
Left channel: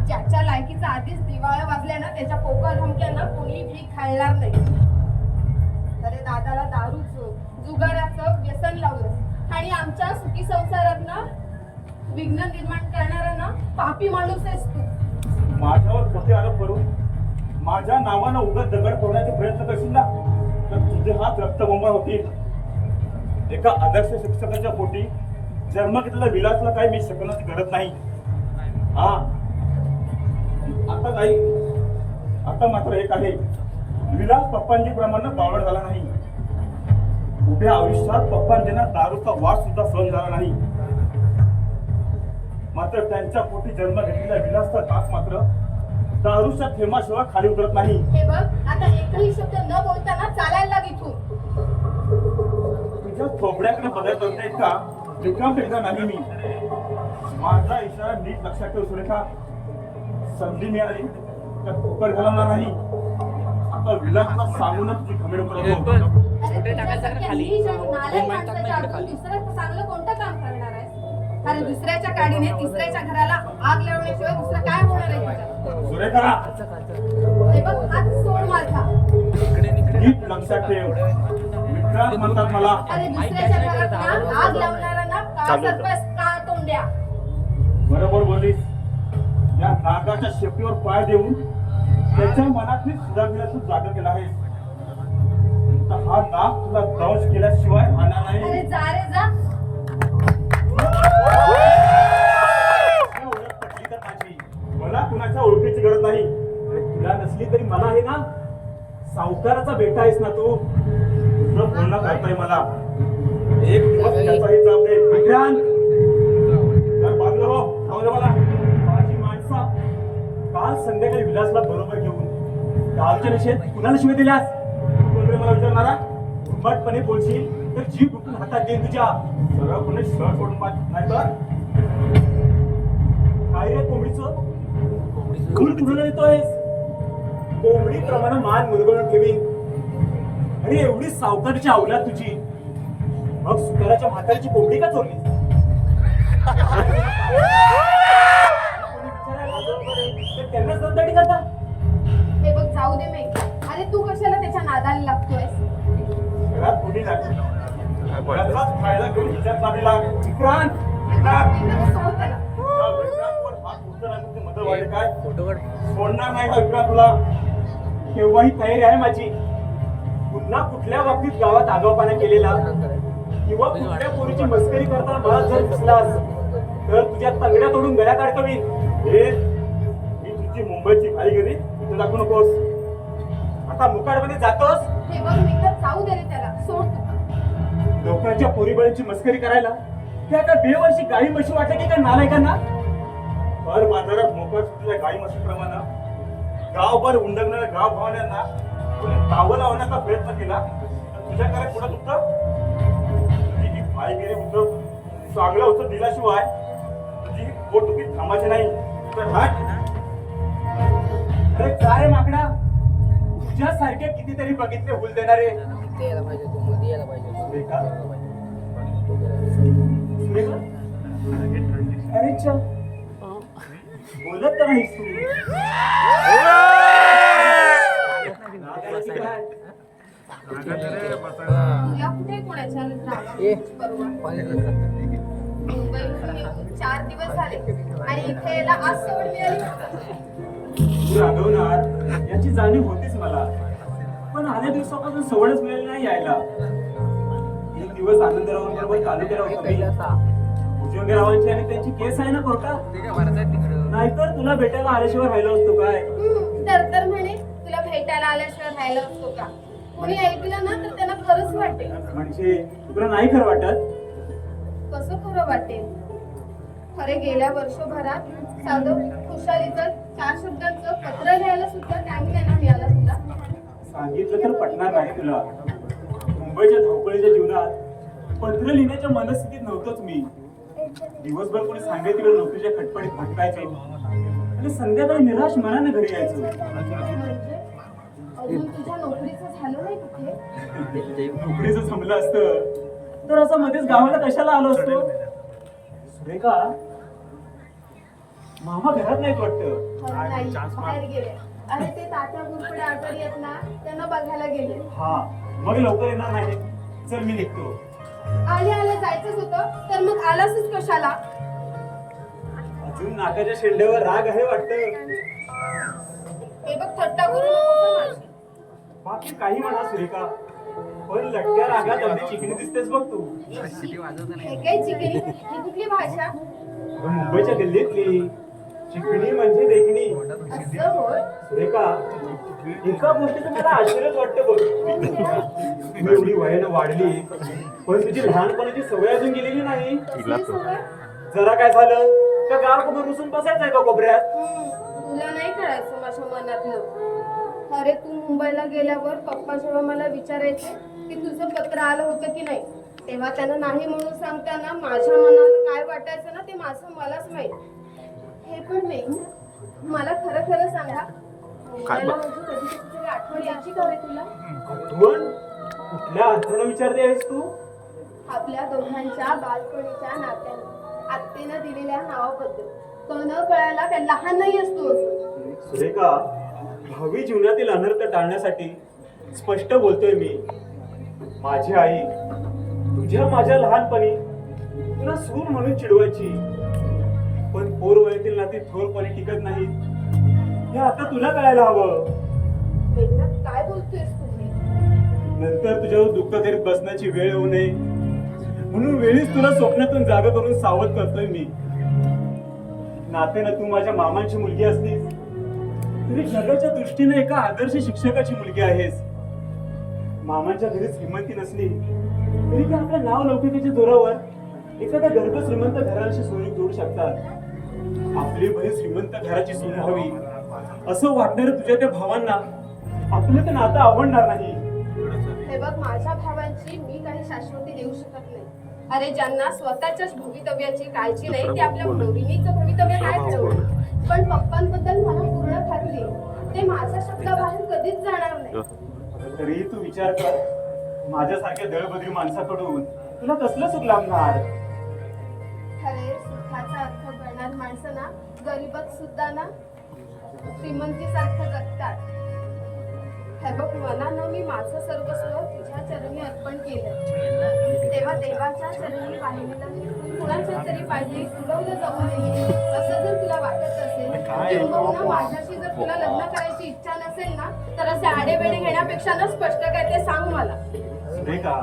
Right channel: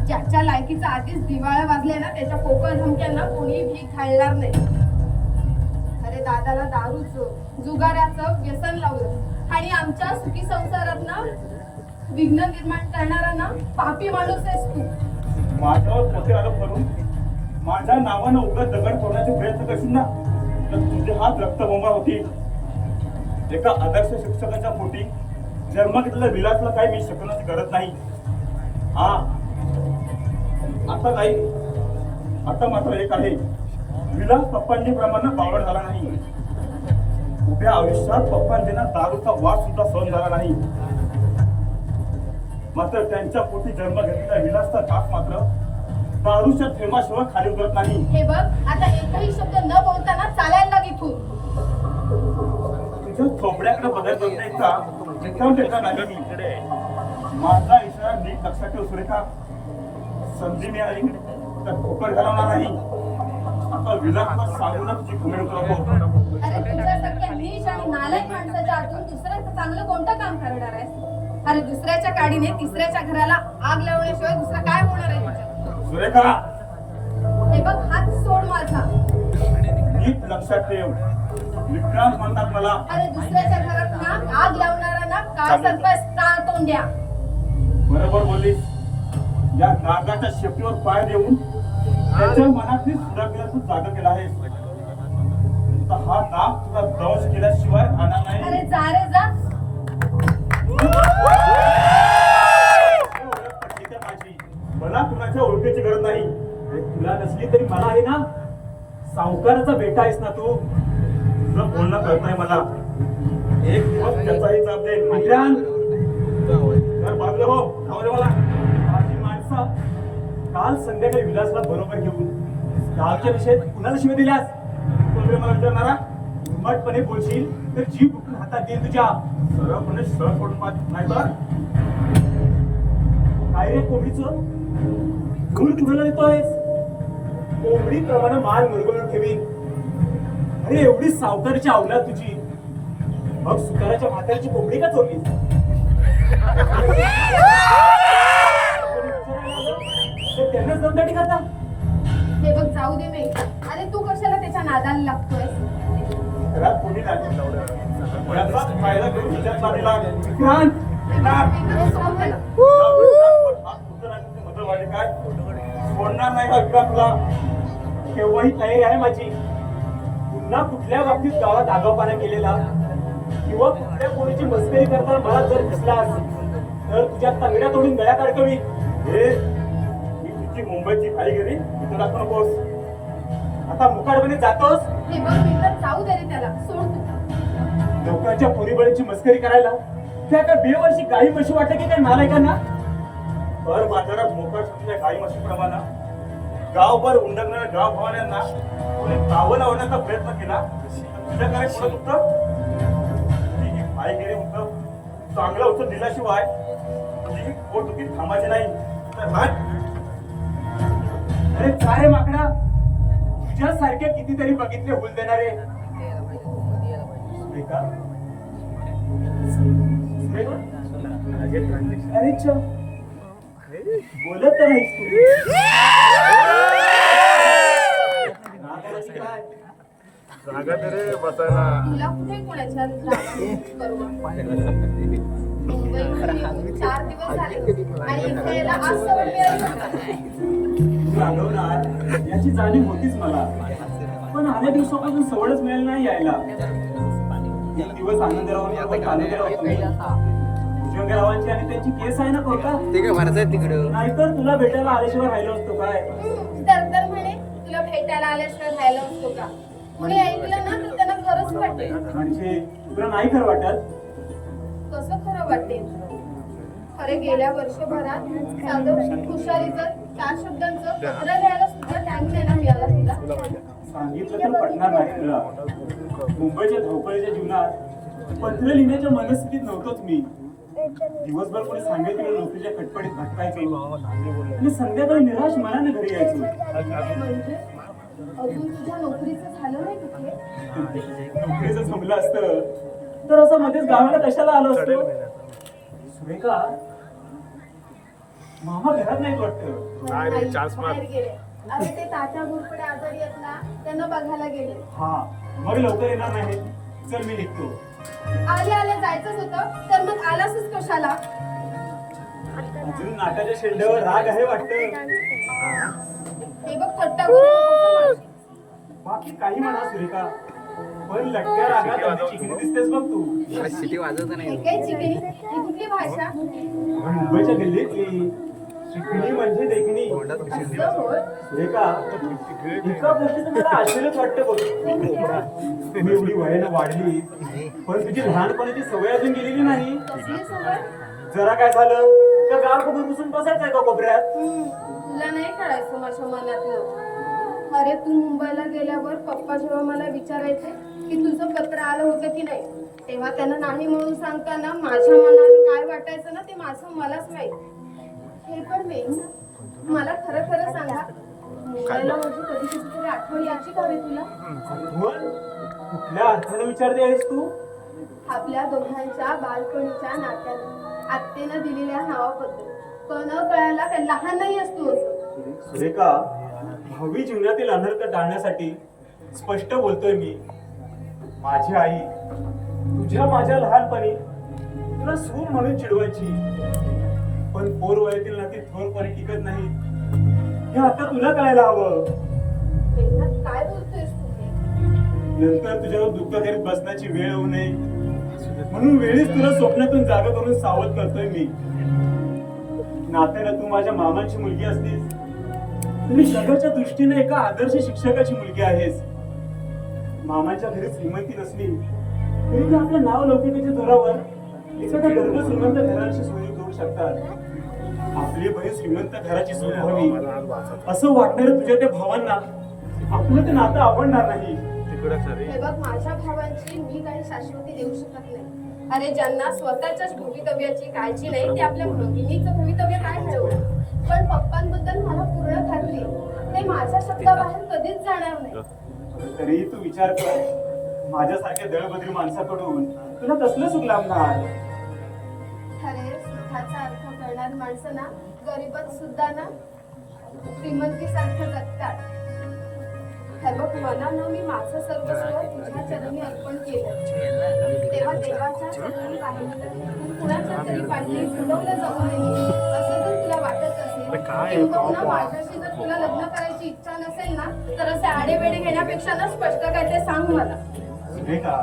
ज्याच्या लायकीचा आधीच दिवाळा वाजलाय ना त्याच्या पोकळ धमक्यांना कोणी भीक घालणार नाही. अरे दादाला दारूचं जुगाराचं व्यसन लावलं आणि आमच्या सुखी संसारात ना विघ्न निर्माण करणारा ना पापी माणूस आहेस तू. माझ्यावर खोटे आरोप करून माझ्या नावानं उगाच दगड फोडण्याचे प्रयत्न करशील ना तर तुझे हात रक्तबंबाळ होतील. एका आदर्श शिक्षकाच्या पोटी जन्म घेतलेल्या विलासला काही मी शकण्याची गरज नाही. हा आता काही आता मात्र एक आहे, विलास पप्पांजी प्रमाणे बावळ झाला नाही. उभ्या आयुष्यात पप्पांजींना दारूचा वास सुद्धा सहन झाला नाही. मात्र त्यांच्या पोटी जन्म घेतलेल्या विलासचा घास मात्र दारूच्या थेंबाशिवाय खाली उतरत नाही. हे बघ आता एकही शब्द न बोलताना चालायला लाग इथून. तुझ्या थोबड्याकडे बदल इतका रिकाम टेका नाही मी. माझा इशारा नीट लक्षात ठेव सुरेखा. संधी मिळाली तर ठोकर घालवणार नाही. आता विलासला सांगूनच तुझी घुमेड तुला बोलतो. अरे तुझ्यासारख्या नीच आणि नालायक माणसाच्या आतून दुसरं चांगलं कोणतं काम करणार आहेस? अरे दुसऱ्याच्या काडीने तिसऱ्याच्या घराला आग लावण्याशिवाय दुसरं काय होणार आहे तुझं? सुरेखा, हे बघ, हात सोड माझा. नीट लक्षात ठेव, विक्रांत म्हणतात मला. अरे दुसऱ्याच्या घरात ना आग लावणाऱ्यांना का सरपस का तोंड्या? बरोबर बोललीस. या नागाच्या शेपटीवर पाय देऊन त्याच्या मनातली सुधारलेला तू जागा केला आहेस. आता हा नाग तुला दंश केल्याशिवाय राहणार नाही. अरे जा रे जा. ही ओळख पटली तर माझी. मला कुणाच्या ओळखीची गरज नाही. अरे तुला नसली तरी मला आहे ना. सावकाराचा बेटा आहेस ना तू. तुझं पूर्ण कळतंय मला. एक दिवस त्याचाही जाब दे. विक्रांत, जरा बाजूला हो. खाऊ दे मला. माझी माणसं काल संध्याकाळी विलासला बरोबर घेऊन गावच्या विषयात कुणाला शिवाय दिल्यास? तुला मला विचारणारा उर्मटपणे बोलशील तर जीव उठून हातात देईन तुझ्या. सरळ कोणी सळ सोडून पाहत नाही तर काय रे कोंबडीचं खून कुणाला देतोयस? कोंबडीप्रमाणे मान मुरगळून ठेवीन. अरे एवढी सावकारीची अवलाद तुझी, मग सुताराच्या म्हातारीची कोंबडी का चोरलीस? त्यांनाच दमदाटी करता. हे बघ जाऊ दे मी. अरे तू कशाला त्याच्या नादाला लागतोयस? घरात कोणी नाही. याचाच फायदा घेऊन हिच्यात लागला. विक्रांत, अरे सोड त्याला. काय सोडणार नाही का विक्रांत तुला? केव्हाही तयारी आहे माझी. पुन्हा कुठल्या बाबतीत गावात आदोपाना केलेला किंवा कुठल्या पोरीची मस्करी करताना मला जर दिसलास तर तुझ्या तंगड्या तोडून गळ्यात अडकवीन. हे मी तुझी मुंबईची फाईगिरी इथं दाखवू नकोस. आता मुकाटपणे जातोस. हे बघ मित्र, जाऊ दे रे त्याला. सोड तू. लोकांच्या पोरीबळीची मस्करी करायला त्या का बेवर्षी गाई म्हशी वाटते की काय नालायकांना? भर बाजारात मोकाट सुटलेल्या गाई म्हशीप्रमाणे गावभर उंडकणाऱ्या गाव भावाल्यांना कोणी गावं लावण्याचा प्रयत्न केला. तुझ्याकडे कुणाच उत्तर? तुझी फाईगिरी उत्तर चांगलं उत्तर दिल्याशिवाय तुझी पोटदुखी थांबायची नाही. तर हट. अरे जा रे माकडा. तुझ्यासारखे कितीतरी बघितले हुल देणारे. सुरेखा? सुरेखा? अरे च बोलत तर नाहीस तू. जागा दे रे बसायला. तुला कुठे कोणाच्या मुंबईहून 4 दिवस झाले आणि इथे यायला आज सवड मिळाली. रागवणार याची जाणीव होतीच मला, पण अनेक दिवसापासून सवडच मिळेल नाही यायला. 3 दिवस आनंदरावांबरोबर तालुक्याला तुम्ही भुजंगरावांची आणि त्यांची केस आहे ना कोर्टात. नाहीतर तुला भेटायला आल्याशिवाय राहिलो असतो काय? तर म्हणे तुला भेटायला आल्याशिवाय राहिलं असतो का? कोणी ऐकलं ना तर त्यांना खरंच वाटेल. म्हणजे तुला नाही खरं वाटत? कसं खरं वाटेल? खरे गेल्या वर्षभरात साधं खुशालीचं 4 शब्दांचं पत्र लिहायला सुद्धा टाइम नाही ना मिळाला तुला. सांगितलं तर पटणार नाही तुला. मुंबईच्या धावपळीच्या जीवनात पत्र लिहिण्याच्या मनस्थितीत नव्हतोच मी. दिवसभर कोणी सांगायची वेळ नोकरीच्या खटपटीत भटकायचो आणि संध्याकाळी निराश मनाने घरी यायचो. म्हणजे अजून तुझ्या नोकरीचं झालं नाही कुठे? नोकरीचं जमलं असतं तर असं मध्येच गावाला कशाला आलो असतो? सुरेखा, मामा घरात नाहीत वाटतं. नाही, बाहेर गेले. अरे ते तात्या गुरपुडे आजारी आहेत ना, त्यांना बघायला गेले. हा, मग लवकर येणार नाही. चल मी निघतो. आले जायचंच होतं तर मग आलासच कशाला? अजून नाकाच्या शेंड्यावर राग आहे वाटतं. हे बघ थट्टा करू नको माझी. बाकी काही म्हणा सुरेखा, पण लटक्या रागात अगदी चिकनी दिसतेस बघ तू. हे काय चिकनी? ही कुठली भाषा? अगं, मुंबईच्या गल्लीतली चिकणी म्हणजे देखणी. असं होय? सुरेखा, एका गोष्टीचं मला आश्चर्यच वाटतं बघ. तू एवढी वयानं वाढली पण तुझी लहानपणाची सवय अजून गेलेली नाही. कसली सवय? जरा काय झालं तर गार कोपऱ्यात बसून बसायचंय का कोपऱ्यात? तुला नाही कळायचं माझ्या मनातलं. अरे तू मुंबईला गेल्यावर पप्पा जेव्हा मला विचारायचे की तुझं पत्र आलं होतं की नाही, तेव्हा त्यांना नाही म्हणून सांगताना माझ्या मनाला काय वाटायचं ना ते माझं मलाच माहित. हे पण नाही, मला खरं खरं सांगा, मुंबईला माझी कधी कधीतरी आठवण यायची का रे तुला? आठवण? कुठल्या अर्थानं विचारते आहेस तू? आपल्या दोघांच्या बालपणीच्या नात्यानं आत्तेनं दिलेल्या नावाबद्दल न कळायला काय लहान नाही असतो. सुरेखा, भावी जीवनातील अनर्थ टाळण्यासाठी स्पष्ट बोलतोय मी. माझी आई तुझ्या माझ्या लहानपणी तुला सून म्हणून चिडवायची, पण पोर वयातील नाती थोरपणे टिकत नाही हे आता तुला कळायला हवं. वेदांत, काय बोलतोयस तुम्ही? नंतर तुझ्यावर दुःख करीत बसण्याची वेळ होऊ नये म्हणून वेळीच तुला स्वप्नातून जागा करून सावध करतोय मी. नात्यानं तू माझ्या मामांची मुलगी असलीस तरी जगाच्या दृष्टीने एका आदर्श शिक्षकाची मुलगी आहेस. मामांच्या घरी श्रीमंती नसली तरी ते आपलं नाव लौकिकाच्या जोरावर एखाद्या गर्भ श्रीमंत घराशी सोयी जोडू शकतात. आपली बहीण श्रीमंत घराची सून व्हावी असं वाटणाऱ्या तुझ्या त्या भावांना आपलं ते नातं आवडणार नाही. हे बघ, माझ्या भावांची मी काही शाश्वती देऊ शकत नाही. अरे, ज्यांना स्वतःच्याच भवितव्याची काळजी नाही ते आपल्या भगिनीचं भवितव्य काय ठरवलं. पण पप्पांबद्दल मला पूर्ण खात्री, ते माझ्या शब्दाबाहेर कधीच जाणार नाही. तरीही तू विचार कर, माझ्यासारख्या दळबद्री माणसाकडून तुला कसलं सुख लागणार. अरे, सुखाचा अर्थ कळणारी माणसं ना गरीबात सुद्धा ना श्रीमंतीसारखं जगतात. हे बघ, मला ना मी माझं सर्वस्व तुझ्या चरणी अर्पण केलं, तेव्हा देवाच्या चरणी वाहिनीला कुणाच्या तरी पाहिजे फुलवलं जाऊ नये असं जर तुला वाटत असेल किंवा ना माझ्याशी जर तुला लग्न करायची इच्छा नसेल ना तर असे आडेवेडे घेण्यापेक्षा ना स्पष्ट काय ते सांग मला. सुरेखा,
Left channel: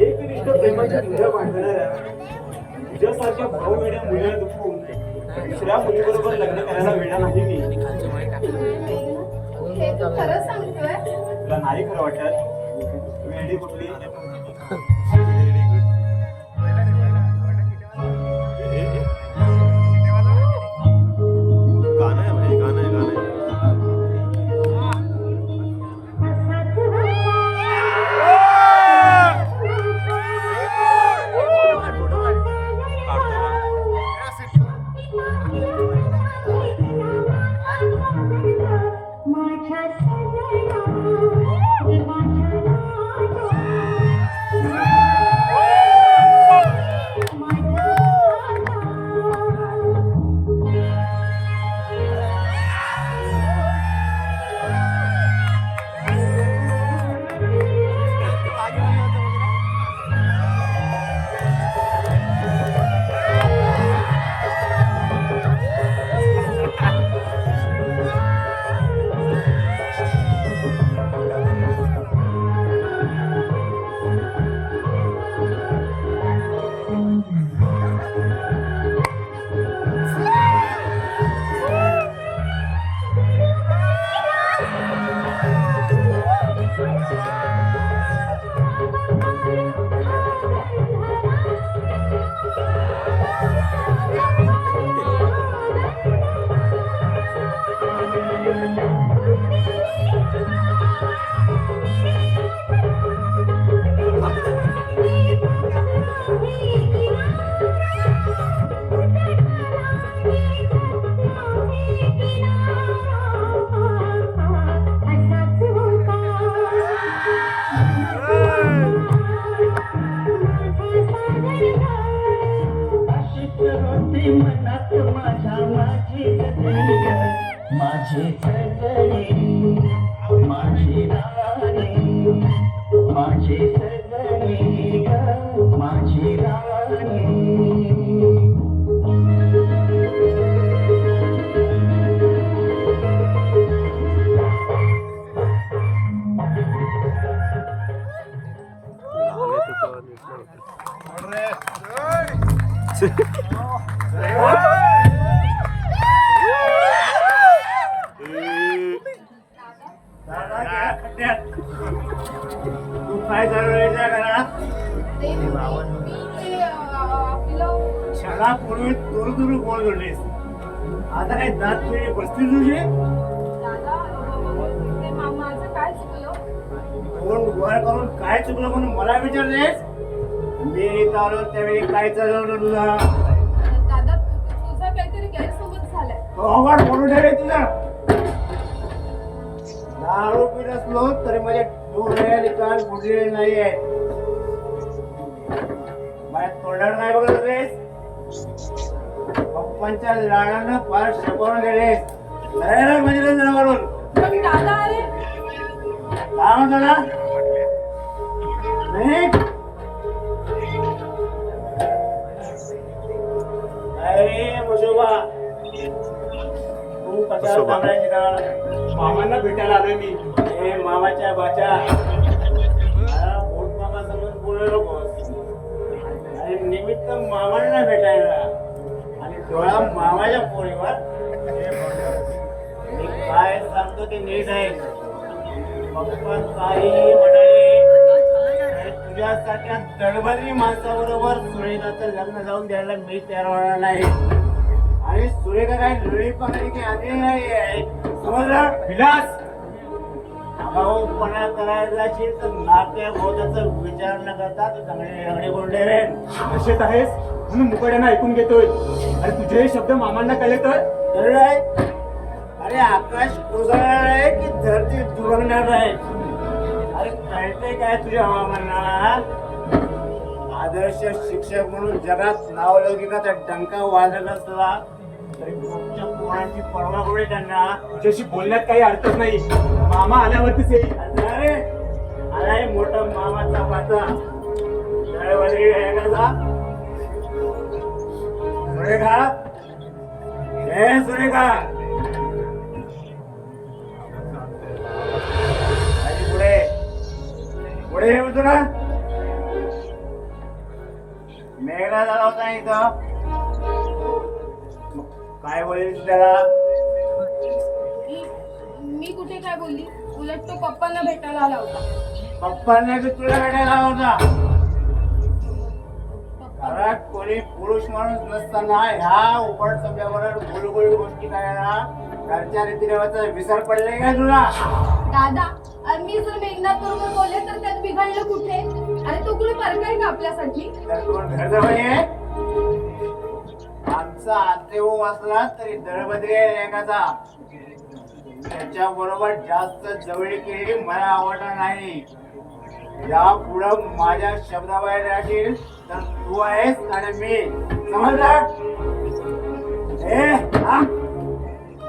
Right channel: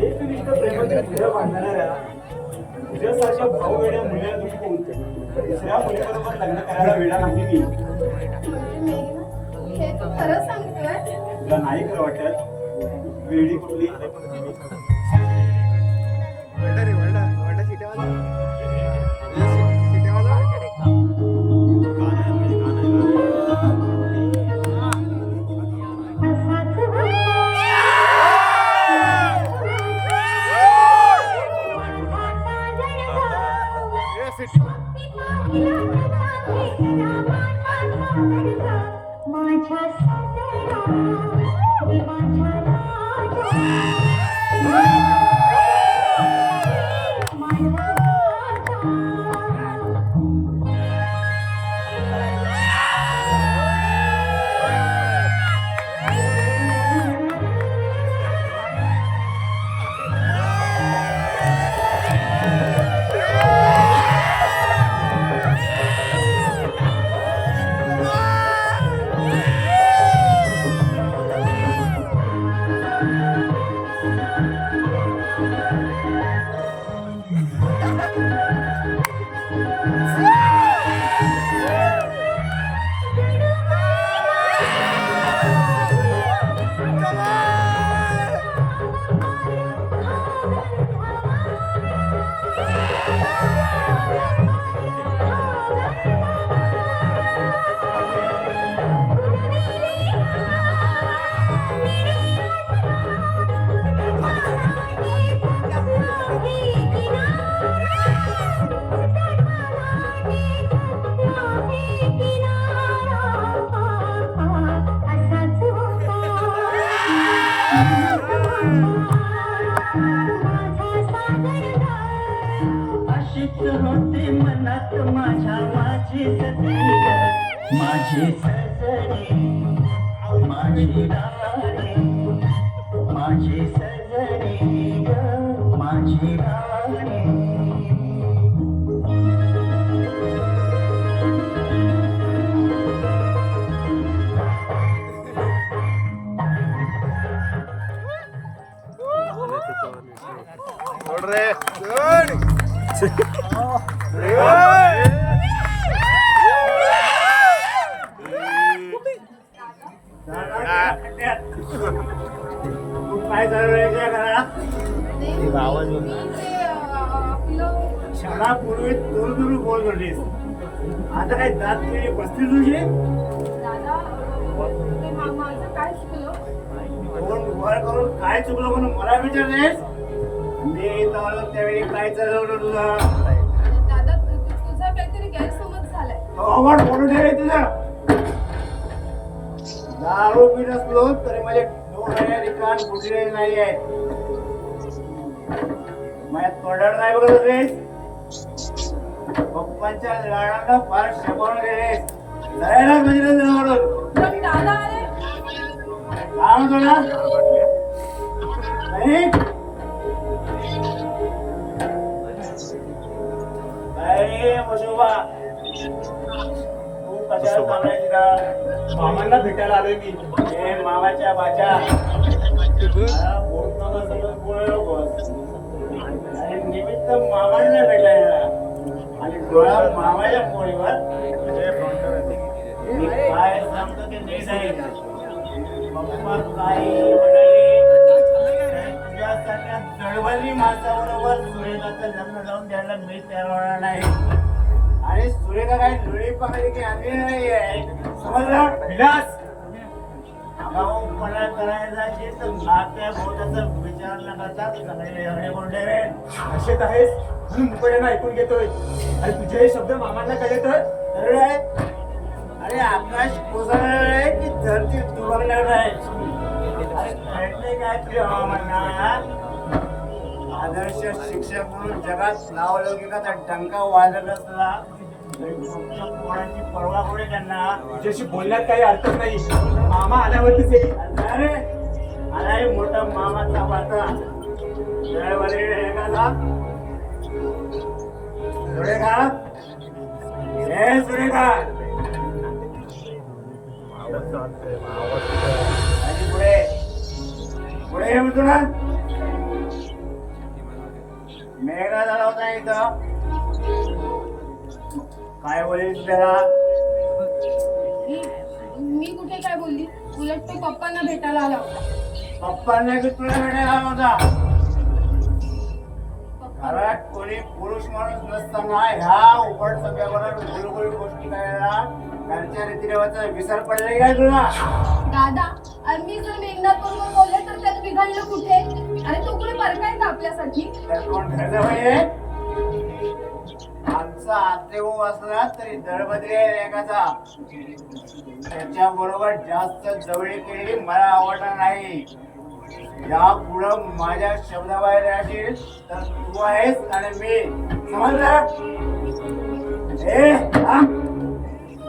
एकनिष्ठ प्रेमाची तुझ्या बांधणाऱ्या तुझ्यासारख्या भाऊवेड्या मुलीला दुखवून दुसऱ्या मुलीबरोबर लग्न करायला वेळा नाही मी. हे तू खरं सांगतोय? तुला नाही खरं वाटत? वेडी कुठली? माझे सजने माझे राणे माझे सजने ग माझे राणे तू काय चालवायच्या घरात? क्षणापूर्वी दूर दूर बोल जोडलीस, आता काय दात केली बसली तुझी? काय चुकलो? कोण वर करून काय चुकलं म्हणून मला विचारतेस? मी चालू त्यावेळी काय चालवलं तुला? दादा, तुझा काहीतरी गैरसमज झालाय. अवघड बोलू ठेवले तुला. पित असलो तरी माझे डोळे कान बुडलेले नाहीये. माझ्या तोंडावर नाही बोलत रेस. पप्पांच्या लाडानं फार शपवून गेलेस. जायला म्हणजे म्हणून पण दादा अरे काय म्हणतो ना नाही अरे मुशोबा तू कशाला सांगायची का? मामांना भेटायला आलोय मी. हे मामाच्या बाच्या मला बोट मामा समजून बोलू नकोस. आणि निमित्त मामांना भेटायला आणि डोळा मामाच्या पोळीवर मी काय सांगतो ते नीट आहे. पप्पा काही म्हणाले तरी तुझ्यासारख्या दडबडी माणसाबरोबर सुरेखाचं लग्न लावून द्यायला मी तयार होणार नाही. आणि सुरेखा काही लुळी पकडली की आधी नाही समजलं विलास. आगाऊपणा करायला असेल तर नात्या भोवताचा विचार न करता चांगले एवढे गोंडे रेन कशात आहेस म्हणून मुकड्यानं ऐकून घेतोय. अरे तुझे हे शब्द मामांना कळले तर तर आहे. अरे आकाश कोसळणार आहे की धरती दुभंगणार आहे. अरे कळतंय काय तुझ्या हवामानाला? आदर्श शिक्षक म्हणून जगात नावलौकिकाचा डंका वाजत असला तरी तुमच्या कोणाची पर्वा करू त्यांना. तुझ्याशी बोलण्यात काही अर्थच नाही. मामा आल्यावरतीच येईल. अरे अरे मोठा मामाचा पाता दळवली एखादा सुरेखा हे सुरेखा आधी पुढे पुढे हे म्हणतो ना मेघना झाला होता इथं. काय बोलेल त्याला? मी कुठे काय बोलली? उलट तो पप्पांना भेटायला आला होता. पप्पांना बी तुला भेटायला आला होता. पप्पा घरात कोणी पुरुष माणूस नसताना ह्या उघड सभेवर गुलगुल गोष्टी करायला घरच्या रीतिरिवाचा विसर पडले काय तुला? दादा आणि मी जर मेघनाथ बरोबर बोलले तर त्यात बिघडलं कुठे? आणि तो कुठे परकाय का आपल्यासाठी? तर कोण घरचा बाई आहे? आमचा आदेव असला तरी दळबद्री एखादा त्याच्या बरोबर जास्त जवळी केलेली मला आवडणार नाही. या पुढं माझ्या शब्दाबाहेर राहशील तर तू आहेस आणि मी समजलं? ए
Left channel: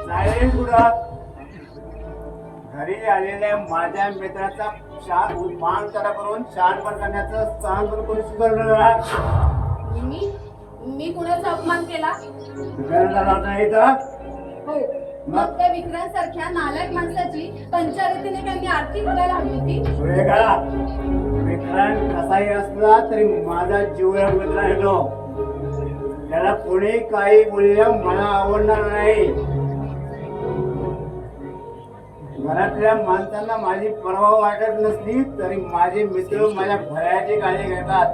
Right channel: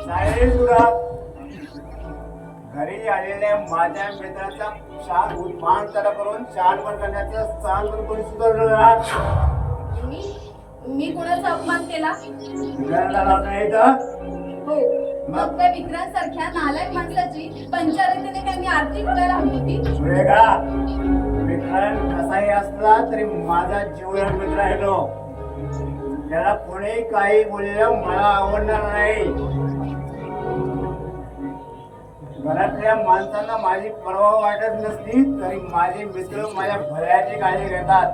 सायलेंट पुढं. घरी आलेल्या माझ्या मित्राचा शान मान तडा करून शानपण करण्याचं स्थान पण कोणी सुधारलं मी कुणाचा अपमान केला? नाही तर हो मग त्या विक्रांसारख्या नालायक माणसाची पंचायतीने त्यांनी आरती करायला हवी होती. सुरेखा विक्रांत कसाही असला तरी माझा जीवलग मित्र आहे तो. त्याला कोणी काही बोललेलं मला आवडणार नाही. घरातल्या माणसांना माझी पर्वा वाटत नसली तरी माझे मित्र माझ्या भल्याची काळजी घेतात.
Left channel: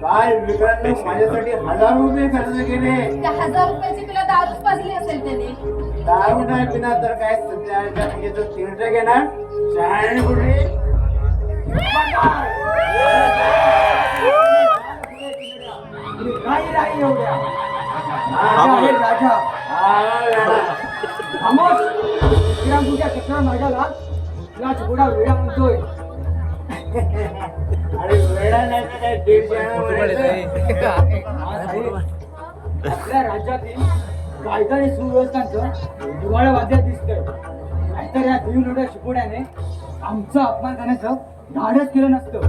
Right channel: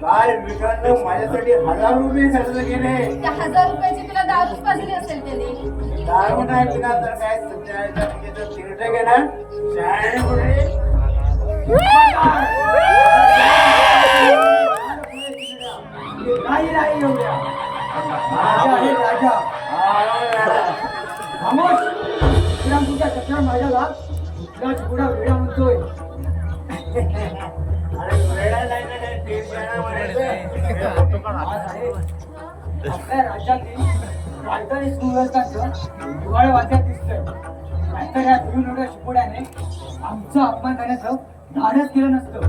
काल विक्रांतनं माझ्यासाठी 1000 रुपये खर्च केले. त्या 1000 रुपयाची तुला दारूच पाजली असेल त्याने. दारू नाही पिणार तर काय सध्याच्या पूजेचं तिरट घेणार शहाणे कुठे? काही नाही एवढ्या. राजा आहे राजा. विक्रम तुझ्या कचरा माझ्याला तुला थोडा वेळा म्हणतोय. अरे वेडा नाही तर काय देश आपल्या राज्यातील कायदा आणि सुव्यवस्थांचं दिवाळ वाद्यात दिसतंय. नाहीतर या देवनोड्या शिकोड्याने आमचा अपमान करण्याचं धाडस केलं नसतं.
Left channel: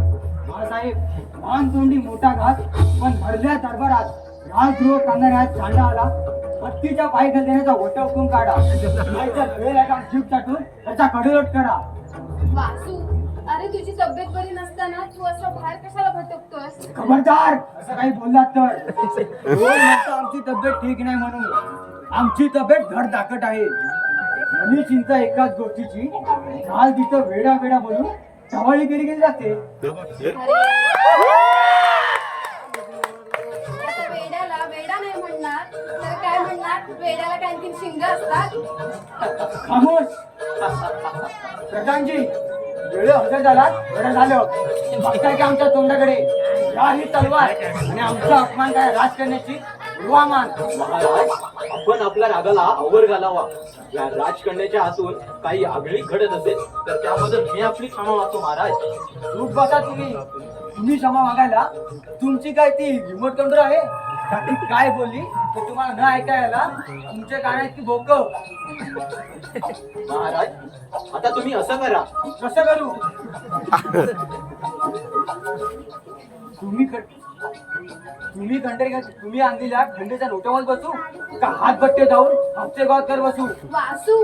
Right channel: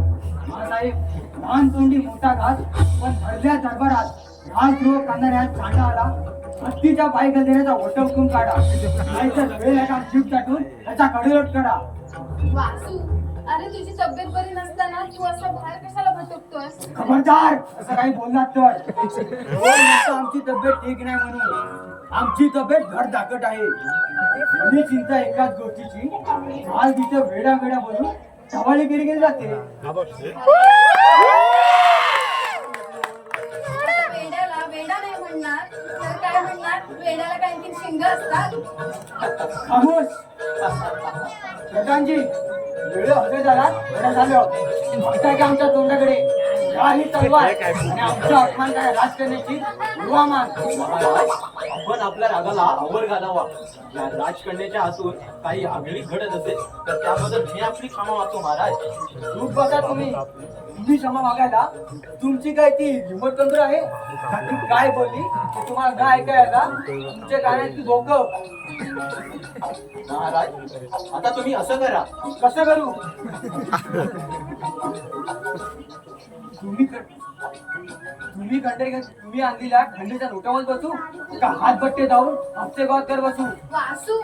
साहेब लहान तोंडी मोठा घात पण भरल्या दरबारात राजद्रोह करणाऱ्या चांडाला हत्तीच्या पाय देण्याचा वट हुकूम काढा. नाहीतर वेळ एका जीप टाकून त्याचा कडेलोट करा. वासू अरे तुझी तब्येत बरी नसताना तू असं बाहेर कशाला भटकतोय? खबरदार असं काही बोललात तर. रोज म्हणतो आमची तब्येत ठीक नाही म्हणून. आमची तब्येत धडधाकट आहे. आणि चिंता एकाच गोष्टीची काल तिथं वेडा वेडा बोलून टवाळी केली जाते. वेड्याला वेडा नाही म्हणणार तर काय म्हणणार, वेड्याला काय आणखी शिंग असतात? खामोश. प्रधानजी, वेळ हजर झाला, बरं झालं. बघताय की आमच्या तोंडाकडे या ही तलवार आणि आमचा अपमान काय राज करण्याची मान. आपण आपल्या रागाला आवर घालावा. या राजकन्याच्या हातून काही आगळीक घडत असेल तर त्याबद्दल मी आपली क्षमा मागतो महाराज. चूक बघा तुम्ही क्षमा मागायला. तुमची काय ती रिमोट कंट्रोल आहे का? ती काय बोलली ते तुम्हाला न ऐकायला तुमच्या कानात ती डोकं. महाराज, आता तुम्ही असं करा. कसं करू? तुम्ही आणलेल्या खंडीच्या नोटावर बसू का हात बट्टे जाऊन हप्ते गावात कर बसू? वासू,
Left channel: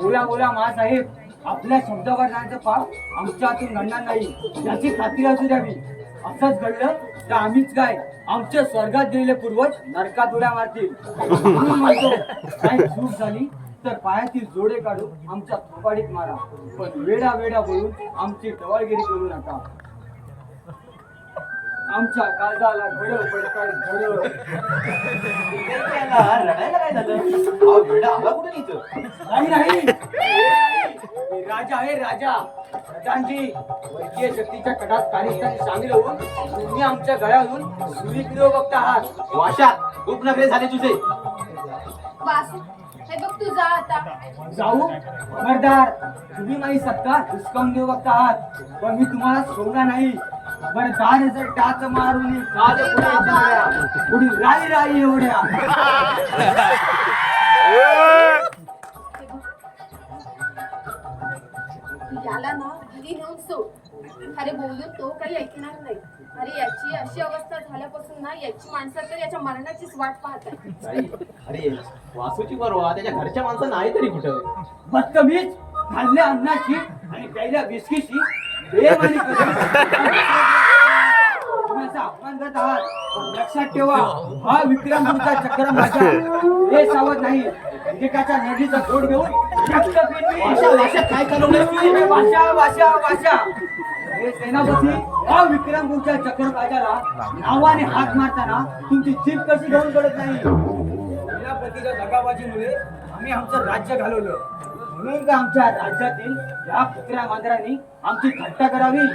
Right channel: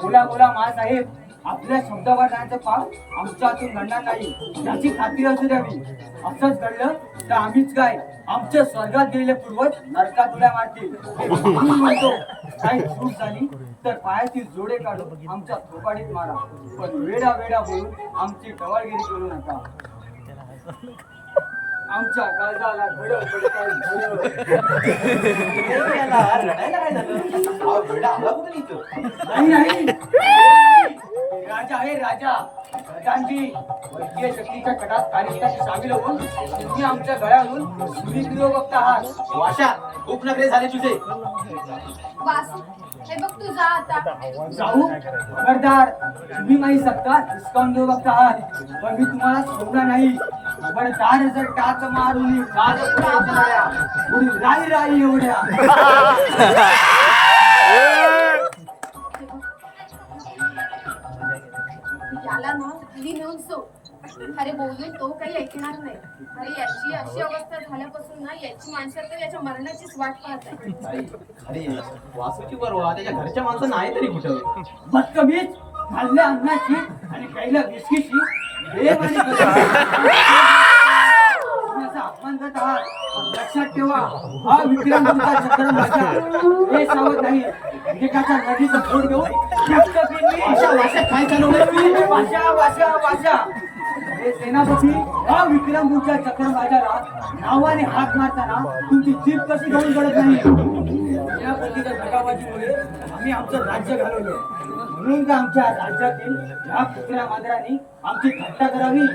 बोला महासाहेब, आपल्या शब्दावर जायचं पाप आमच्या हातून घडणार नाही याची खात्री असू द्यावी. असंच घडलं तर आम्हीच काय, आमच्या स्वर्गात गेलेले पूर्वज नरकात उड्या मारतील. म्हणून म्हणतो, काही चूक झाली तर पायातील जोडे काढून आमच्या थोपाडीत मारा, पण वेडा बोलून आमची टवाळगिरी करू नका. आमच्या काळजाला घडं पडताय घडं. रडायला काय झालं? हा वेडा आला कुठे इथं? नाही राजा आहे राजा. प्रधानजी, वर्गीय शक्तीच्या कडात कार्यस्थानी सामील होऊन तुम्ही आमच्या गळ्यावरून सुरीक्रिय बघत आहात. वाशा, खूप नखरे झाले तुझे. वासू, हे बघ तू जा आता. जाऊ खबरदार, तुम्ही माझी सत्ता डिस्काउंट देऊ बघता आहात, पण मी तुम्हाला सोडणार नाही. खबरदार जर टाच मारून पुढे राई एवढ्या. याला ना घरी नेऊन सोड. अरे बोलून तो काही ऐकणार नाही. अरे याची अशी अवस्था झाल्यापासून ना याची माणसं तर याच्या मरणाचीच वाट पाहत आहे. अरे वासूची बरोबर त्याच्या घरच्या माणसं नाही तरी कुठं. बदतमीज, खाल्ल्या अन्नाची आणि प्यायल्या विस्कीची देव आणि तुम्ही असा अपमान करत आहात. लक्षात ठेवा, हा विक्रम तुमचा चक्र माझा हे सावध नाही. एकेकाच्या नदीचा जोड घेऊन काय चालवणार? भाषा हे सेनापती, हा विक्रम तुमच्या चक्रवाजाला नावाने हात मारताना तुमची जीभ कशी घेऊन पडत नाही? या प्रत्येक दगाबाजीमुळे आम्ही आमचं राज्य घालवलं. म्हणून का आमच्या राज्यातील या कुत्र्या मांजरांनी आमची थट्टा करावी?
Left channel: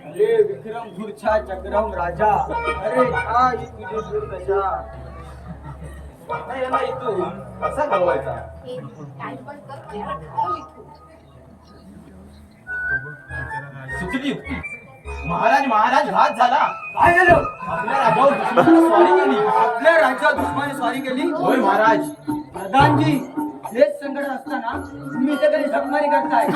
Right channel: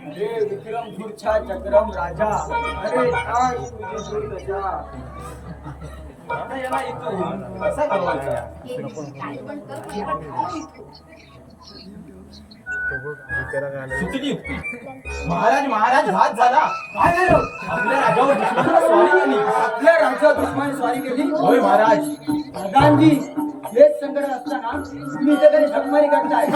अरे विक्रम धूरच्या चक्रम राजा, अरे हा तुझी धूर कशा. आता याला इथून कसा घालवायचा? हे काय पण कर, पण याला घालव इथून. सुचली युक्ती. महाराज हात झाला. काय झालं? आपल्या राजावर दुश्मनानं स्वारी केली. आपल्या राज्यात दुश्मनी स्वारी केली? होय महाराज. प्रधानजी, हेच संकट असताना तुम्ही इथे कधी झकमारी करताय?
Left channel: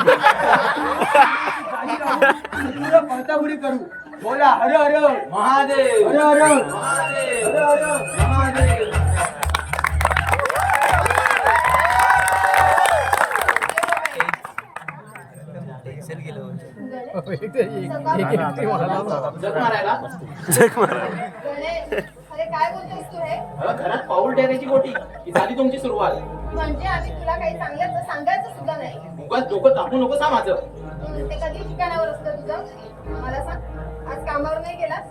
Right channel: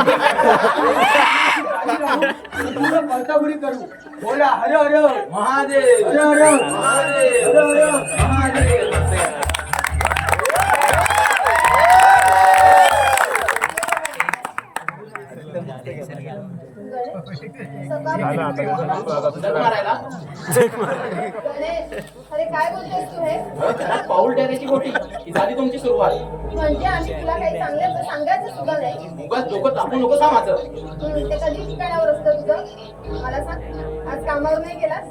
तुला पळताबुडी करू. बोला हर हर महादेव, हर हर महादेव, हर हर महादेव. जग मारायला. गणेश, अरे काय बोलतोस तू हे? घरात पाऊल टाकायची गोटी ही झाली तुमची सुरुवात. म्हणजे आम्ही तुला काही चांगल्याचं सांगायचं सुद्धा नाही. उगाच डोकं तापू नकोस हा माझं. ते कधी ठिकाणावर असतं तुझं? मला सांग, आज कामावर नाही गेलास?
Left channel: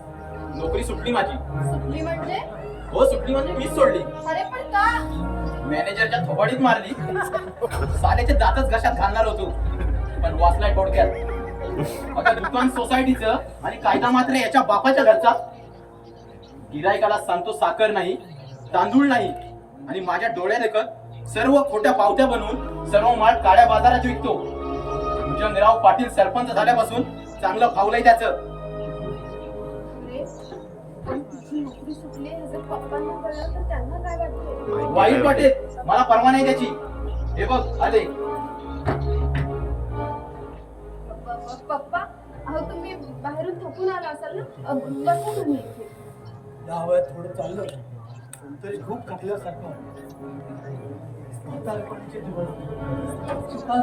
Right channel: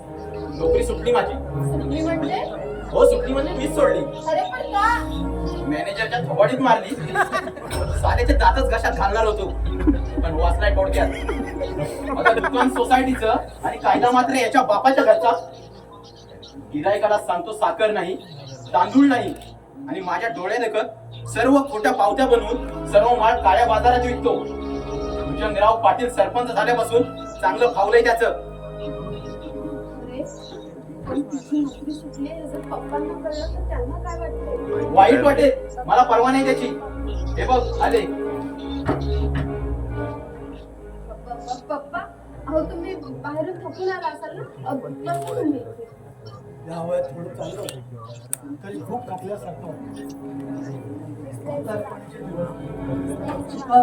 नोकरी सुटली माझी. सुट्टी म्हणजे? हो, सुट्टी म्हणजे मीच सोडली. अरे पण का? मॅनेजरच्या थोबाडीत मारली. साल्याचे दातच घशात घालणार होतो, पण वाचलाय थोडक्यात. आता दुकान सोसायटीचं आणि कायदा मात्र याच्या बापाच्या घरचा. गिरायकाला सांगतो साखर नाही, तांदूळ नाही, आणि माझ्या डोळ्यादेखत सर्व खोट्या पावत्या बनवून सर्व माल काळ्या बाजारात विकतो. भुजंगराव पाटील सरपंच झाल्यापासून चांगलं फावलंय त्याचं. अरे, आणि तुझी नोकरी सुटली हे जर पप्पांना कळलं तर त्यांना काय वाटतं? वाईट वाटेल, मला परवा नाही त्याची. हे बघ आले. पप्पा, अहो तुम्ही बाहेरून थकून आला असाल ना, बसा तुम्ही इथे. या वयात थोडं चाललं तरी खूप थकल्यासारखं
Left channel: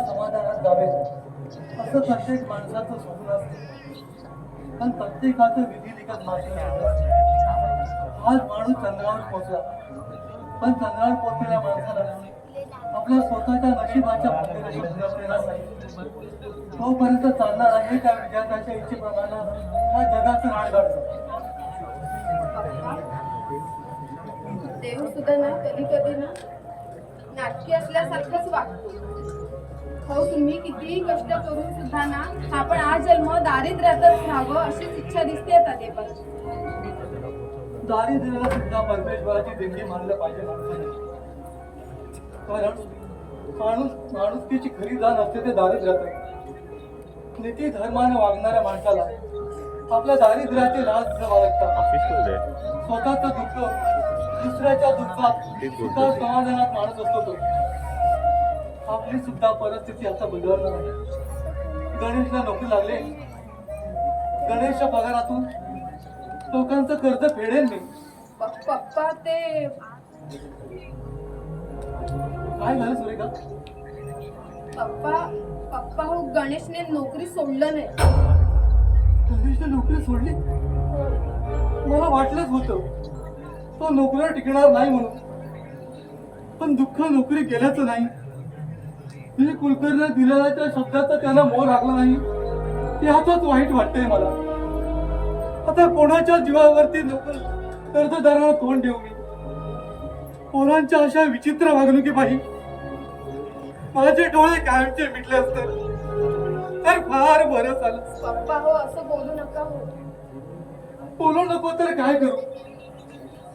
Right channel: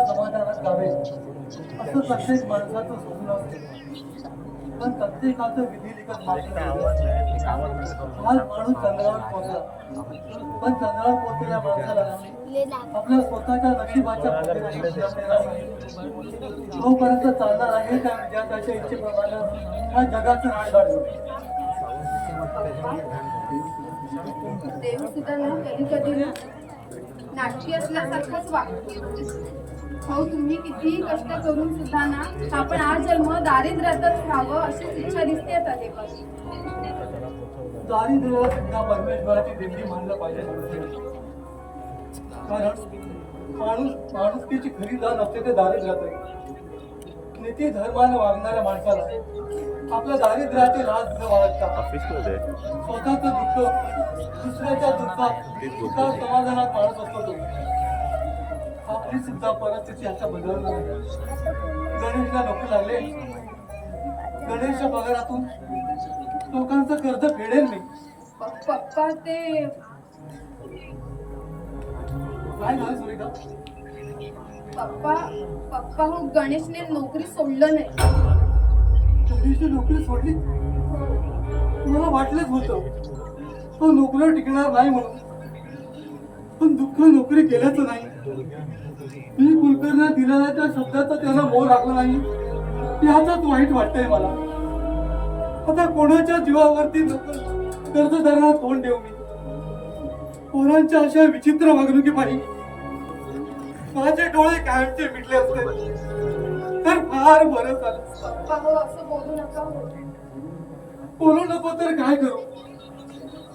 समाधानात जावे असं प्रत्येक माणसाचं स्वप्न असते. पण प्रत्येकाचं विधी लिखत मार्ग आज माणूस चंद्रावर पोहोचला, पण चंद्रावर पोहोचलेल्या माणसाला आपल्या स्वतःच्या नशिबाच्या तोपर्यंत चालणार आहे त्या विद्यार्थ्याच्या इच्छेप्रमाणे या जगाचं राज घडलं. देव सुद्धा ना कधी कधी ना नाटकी असल्यासारखंच वागतो. हो, तुम्ही कितीही कष्ट करून सुद्धा ना आपण आज जन्म दारिद्र्यातच राहावं अशीच इच्छा दिसते आता देवाची. दारिद्र्याला सुद्धा परमेश्वराची देणगी मानलं पाहिजे माणसाने. कारण माणुसकीची खरी जाण असते ते दारिद्र्यात आहे. नीती धर्माने वागणाऱ्या माणसाला आपल्या दारिद्र्याचे राज बाळगतात. स्वतःचं दुःख दुसऱ्याच्या दुःखात सुखात समाधानात माणूस असतो तो. आपली सुद्धा परिस्थिती आता बदलणार आहे. गणेशला नोकरी लागले. गणेशच्या पगारातून लोकांचं कर्ज फेडेल मी. पप्पा ते काय झालं सुरेखा? पप्पा हो, गणेशने नोकरी सोडलं नाही. गणेशने नोकरी सोडली? मला वाटलंच होतं तो नोकरीवर टिकणार नाही म्हणून. पण दुःख नोकरी गेल्याचं नाही. मी कुलकर्णी दिलेल्या त्या शब्दाचा त्यांना मोह लागला नाही याचाच वाईट वाटतंय मला. आता कोणाच्या जीवावरती कर्जदारांना तोंड देऊ मी? पोरांच्या अशा विचित्र वागणुकीपायी माझे डोळे कायमचे मिटले असते तर फार बरं झालं. पप्पा हो, असं बोलू नका हो. बोलू नको तर काय करू?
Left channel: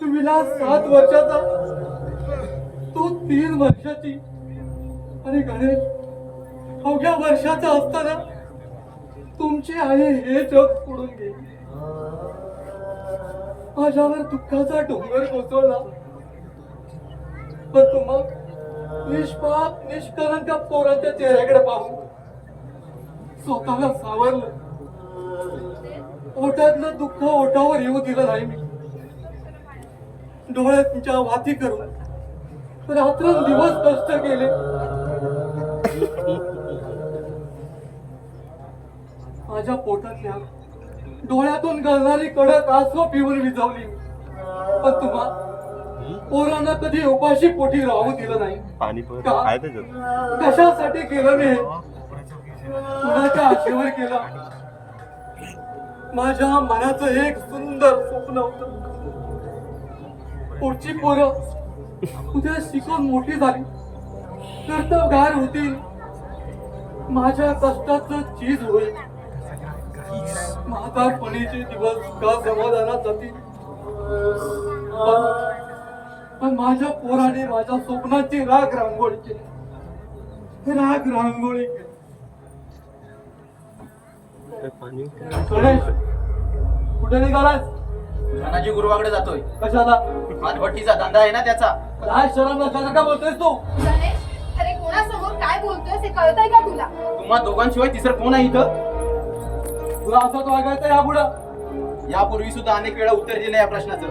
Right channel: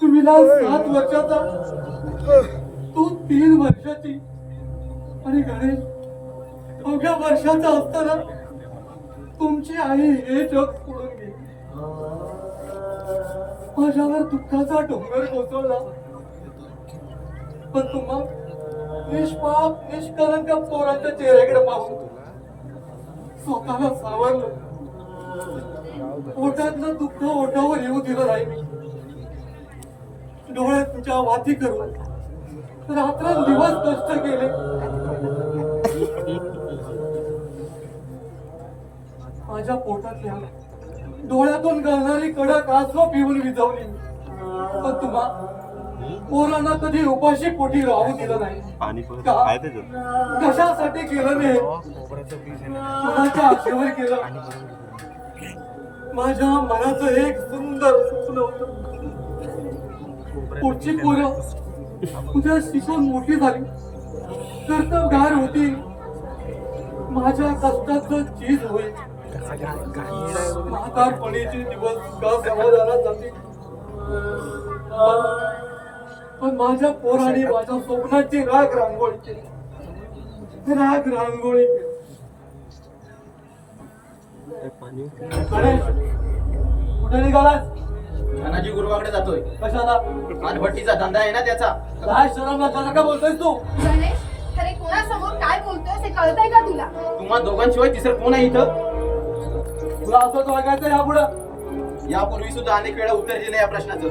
तुम्हीला 7 वर्षाचा, तू 3 वर्षाची आणि गणेश अवघ्या वर्षाचा असताना तुमची आई हे जग सोडून गेली. माझ्यावर दुःखाचा डोंगर कोसळला. पण तुम्हा निष्पाप निष्कलंक पोरांच्या चेहऱ्याकडे पाहून स्वतःला सावरलं. पोटातलं दुःख ओठावर येऊ दिलं नाही मी. डोळ्यात तुमच्या वाती करून रात्रंदिवस कष्ट केले. माझ्या पोटातल्या डोळ्यातून गळणारी कडक आसू पिऊन विझवली मी. पण तुम्हा पोरांना कधी उपाशी पोटी राहू दिलं नाही. कशासाठी केलं मी? कुणाच्या आशेवर केलं? माझ्या मनाचं एक सुंदर स्वप्न होतं. पुढची पोरं उद्या शिकून मोठी झाली कर्तबगार होती. माझ्या कष्टाचं चीज होईल. म्हातारपणीचे दिवस का समाधानात जातील. पण माझ्या पोराने माझ्या स्वप्नाची राग रांगोळी केली. गणेश, कुठे निघालास? धनाजी गुरुवाकडे जातोय. कशाला? आज भट्टीचा धंदा आहे ना त्याचा. काय शरम का बोलतोयस तू? गणेश, तरी कोणासमोर काय बोलतोय हे कळतंय का तुला? तुम्हा दोघांशिवाय तिसरं कोण आहे इथं? तुला असं वागायचं यापुढं? यापूर्वी सुद्धा अनेक वेळा उत्तर दिलं या प्रश्नाचं.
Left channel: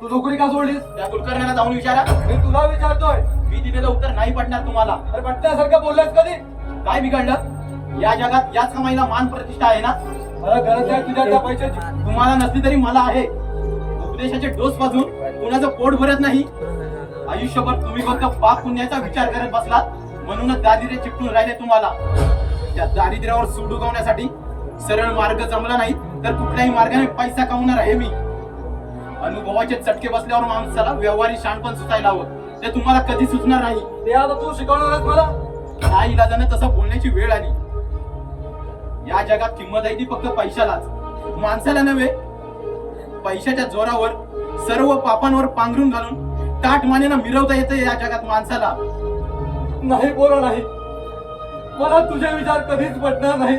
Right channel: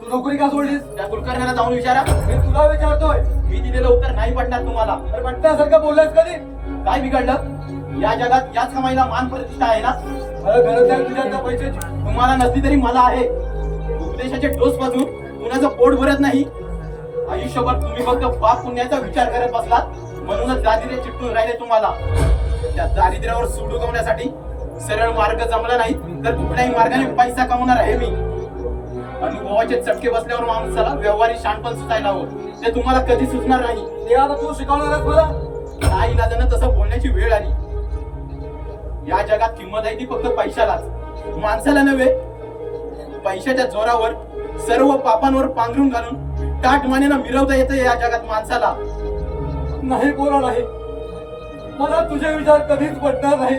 तू नोकरी का सोडलीस? त्या कुलकर्ण्याला जाऊन विचारा. मी तुला विचारतोय. मी दिलेलं उत्तर नाही पडणार तुम्हाला. अरे पटण्यासारखं बोललास कधी? काय बिघडलं? या जगात याच कमाईला मान प्रतिष्ठा आहे ना. मला गरज आहे तुझ्या त्या पैशाची. तुम्हाला नसली तरी मला आहे. उपदेशाचे डोस वाजून कुणाचं पोट भरत नाही. आयुष्यभर तुम्ही फक्त पाप पुण्याचा विचार करत बसलात म्हणूनच दारिद्र्य चिटकून राहिले तुम्हाला. त्या दारिद्र्यावर सूड उगवण्यासाठी सरळ मार्ग जमला नाही तर कुठल्याही मार्गाने पैसा कमवणार आहे मी. अनुभवाचे चटके बसल्यावर माणसाला व्यवहारी शाणपण सुचायला हवं. ते तुम्हाला कधी सुचणार नाही. ते आता तू शिकवणारच मला. नाईलाजानं तसं बोलण्याची वेळ आली. या जगात किंमत आहे ती फक्त पैशालाच, माणसाला नव्हे. पैशाच्या जोरावर सर्व पापांवर पांघरून घालून ताटमानेनं मिरवता येतं या जगात माणसाला. नाही पोरा नाही, मला तुझे विचार कधीच पटणार नाही.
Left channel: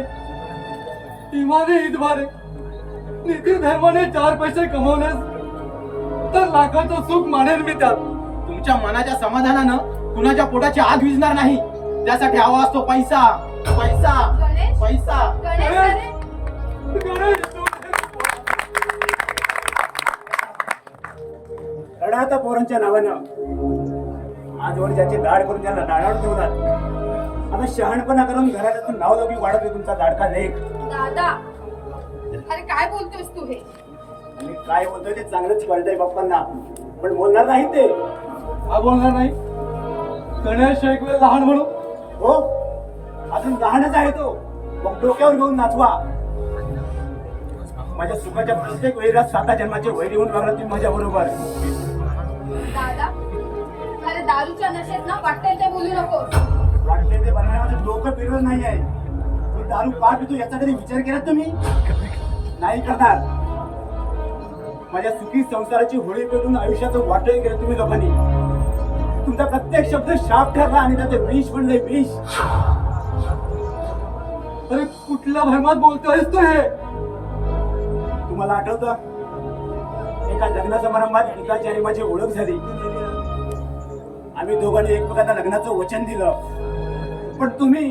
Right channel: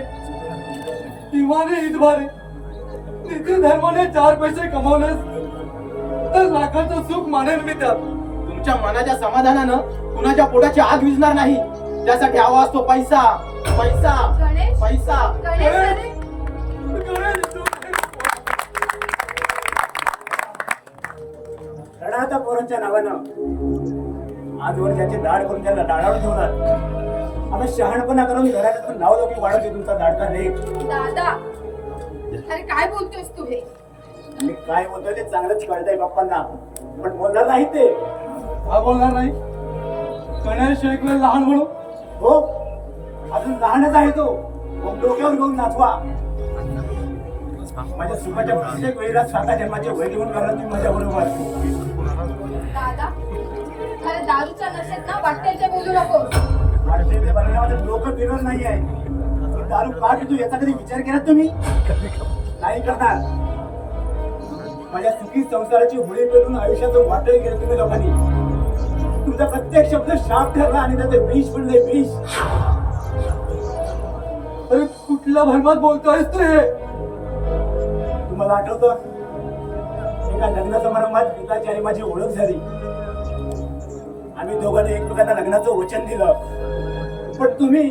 इमाने इतबारे नीती धर्माने 4 पैसे कमावलेस तर लाखाचं सुख मानेल मी त्यात. तुमच्या मनाच्या समाधानानं कुणाच्या पोटाची आग विझणार नाही. त्यासाठी हवा असतो पैसा, पैसा, गणेश, पैसा. गणेश, अरे. गणेश, रडा आता पोरांच्या नावानं. आजवर ज्याचे दाड करून त्याला दाडावर ठेवणार. आता शहाणपणा करून घरातून नाव लगे वाढवते तुमचा दाडका लेख. दादा, अरे काय बोलतोयस तू हे? मी काय बोलतोय ते चांगलंच कळतंय बाप्पांना, पण बोलणार नाही ते. हा बोलणार नाही. गणेश एक वेळ लहान म्हणून. हो, अजून लहानच आहे तो. मग डोक्यावर घेऊन नाचवा. माझ्या सुखाच्या प्रत्येक वेळेला 7 जन्माचे वैरी होऊन बघणार तुम्ही माझ्या बरोबर. दादा अरे दारूच्या नशेत ना वाटेल ते बोलू नको. वाटते ते बनवण्यात माझं डोकं फिरत नाही आहे. मी दारू का पितो याचा कधी विचार केला तुम्ही? नाही करणार. माझ्या सुखी संसाराची होळी पेटून आयुष्याचं वाटोळी केलं तुम्ही लोकांनी. तुमचा प्रत्येक शब्द शाप ठरला आणि त्याचे विष म्हणले विष. अरे कुठल्या भरमात बोलतोयस तू हे? तुम्हाला आठवतं एका लग्न समारंभात गीताची आणि माझी ओळख झाली. आम्ही दोघांनी एकमेकांना लग्नाचं वचन दिलं. पण तुम्ही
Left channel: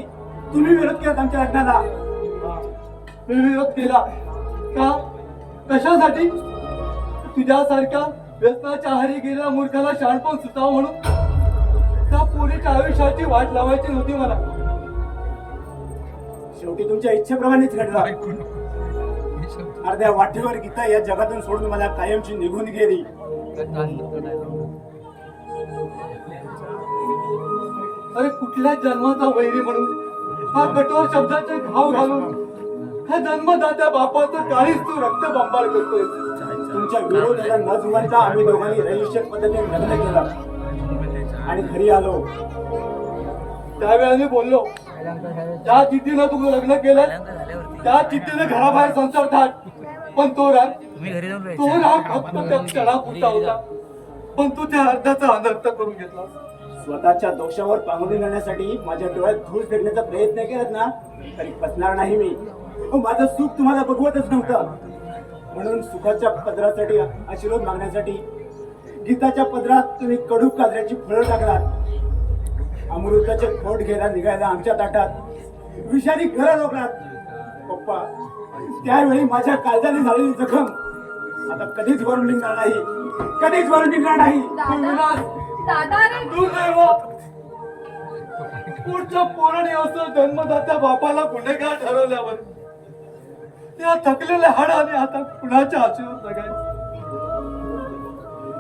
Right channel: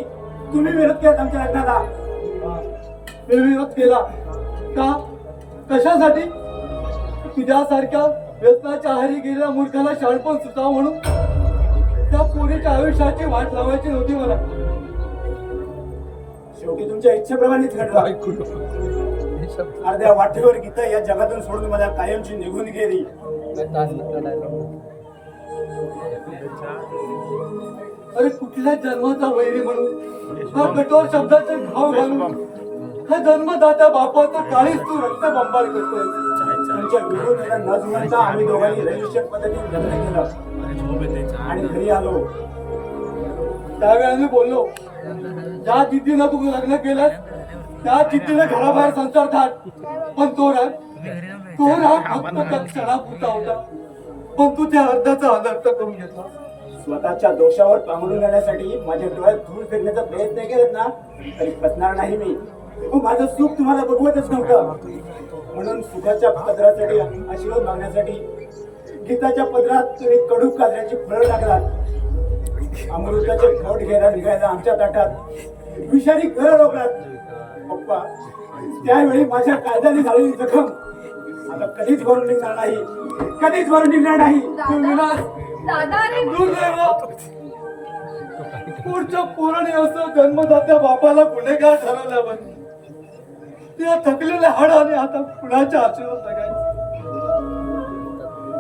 विरोध केला आमच्या लग्नाला. मी विरोध केला का? कशासाठी? तुझ्यासारख्या व्यसनाच्या आहारी गेलेल्या मूर्खाला शाळपण सुचावं म्हणून? त्या पोरीच्या आयुष्याची वाट लावायची नव्हती मला. शेवटी तुमच्या इच्छेप्रमाणेच घडलं. अर्ध्या वाटेवर गीता या जगातून सोडून मला कायमची निघून गेली. अरे कुठल्या जन्माचा वैरी म्हणून हा कठोर शब्दाचे घाव घालून हा जन्मदात्या बापाचं काळीच तू रक्तबंबाळ करतोय. तुमच्या विरोधाला न जुमानता आम्ही दोघांनी रजिस्टर पद्धतीने लग्न केलं आणि घरी आलो. त्यावेळेला मी बोललो, ज्या जिद्दीनं तू लग्न केलं त्या जिद्दीनं घराबाहेर संसार थाट. पण तो राग फक्त त्या क्षणापुरता होता. पण तू त्या अर्धाचा अनर्थ करून घेतला. स्वतःच्या दोषावर पांघरून जाण्यासाठी माझ्या डोळ्यात धूळ फेकण्याचा प्रयत्न केलात ना तरी फसणार नाही मी. माझं सुख तुम्हाला बघवतच नव्हतं. म्हणून सुखाच्या पदरासाठी आशीर्वाद मागण्यासाठी गीताच्या पदरात तुम्ही कडू काजऱ्याची फळं टाकलात. अमृताचे घोट घ्यायला निघायला आमच्या ताटात विषारी घरं रोखलात. पप्पा त्यावेळी माझ्या काळजाने झालेली जखम आता कधीच भरून निघणार नाही. कधीच भरून निघणार नाही. दादा अरे दुर्दैव, पुढच्या पोराने असं जन्मदात्या बापाला गुन्हेगार ठरवल्यावर त्या थकलेल्या हाडाने आता कुणाच्या आशीर्वाद लागायचे?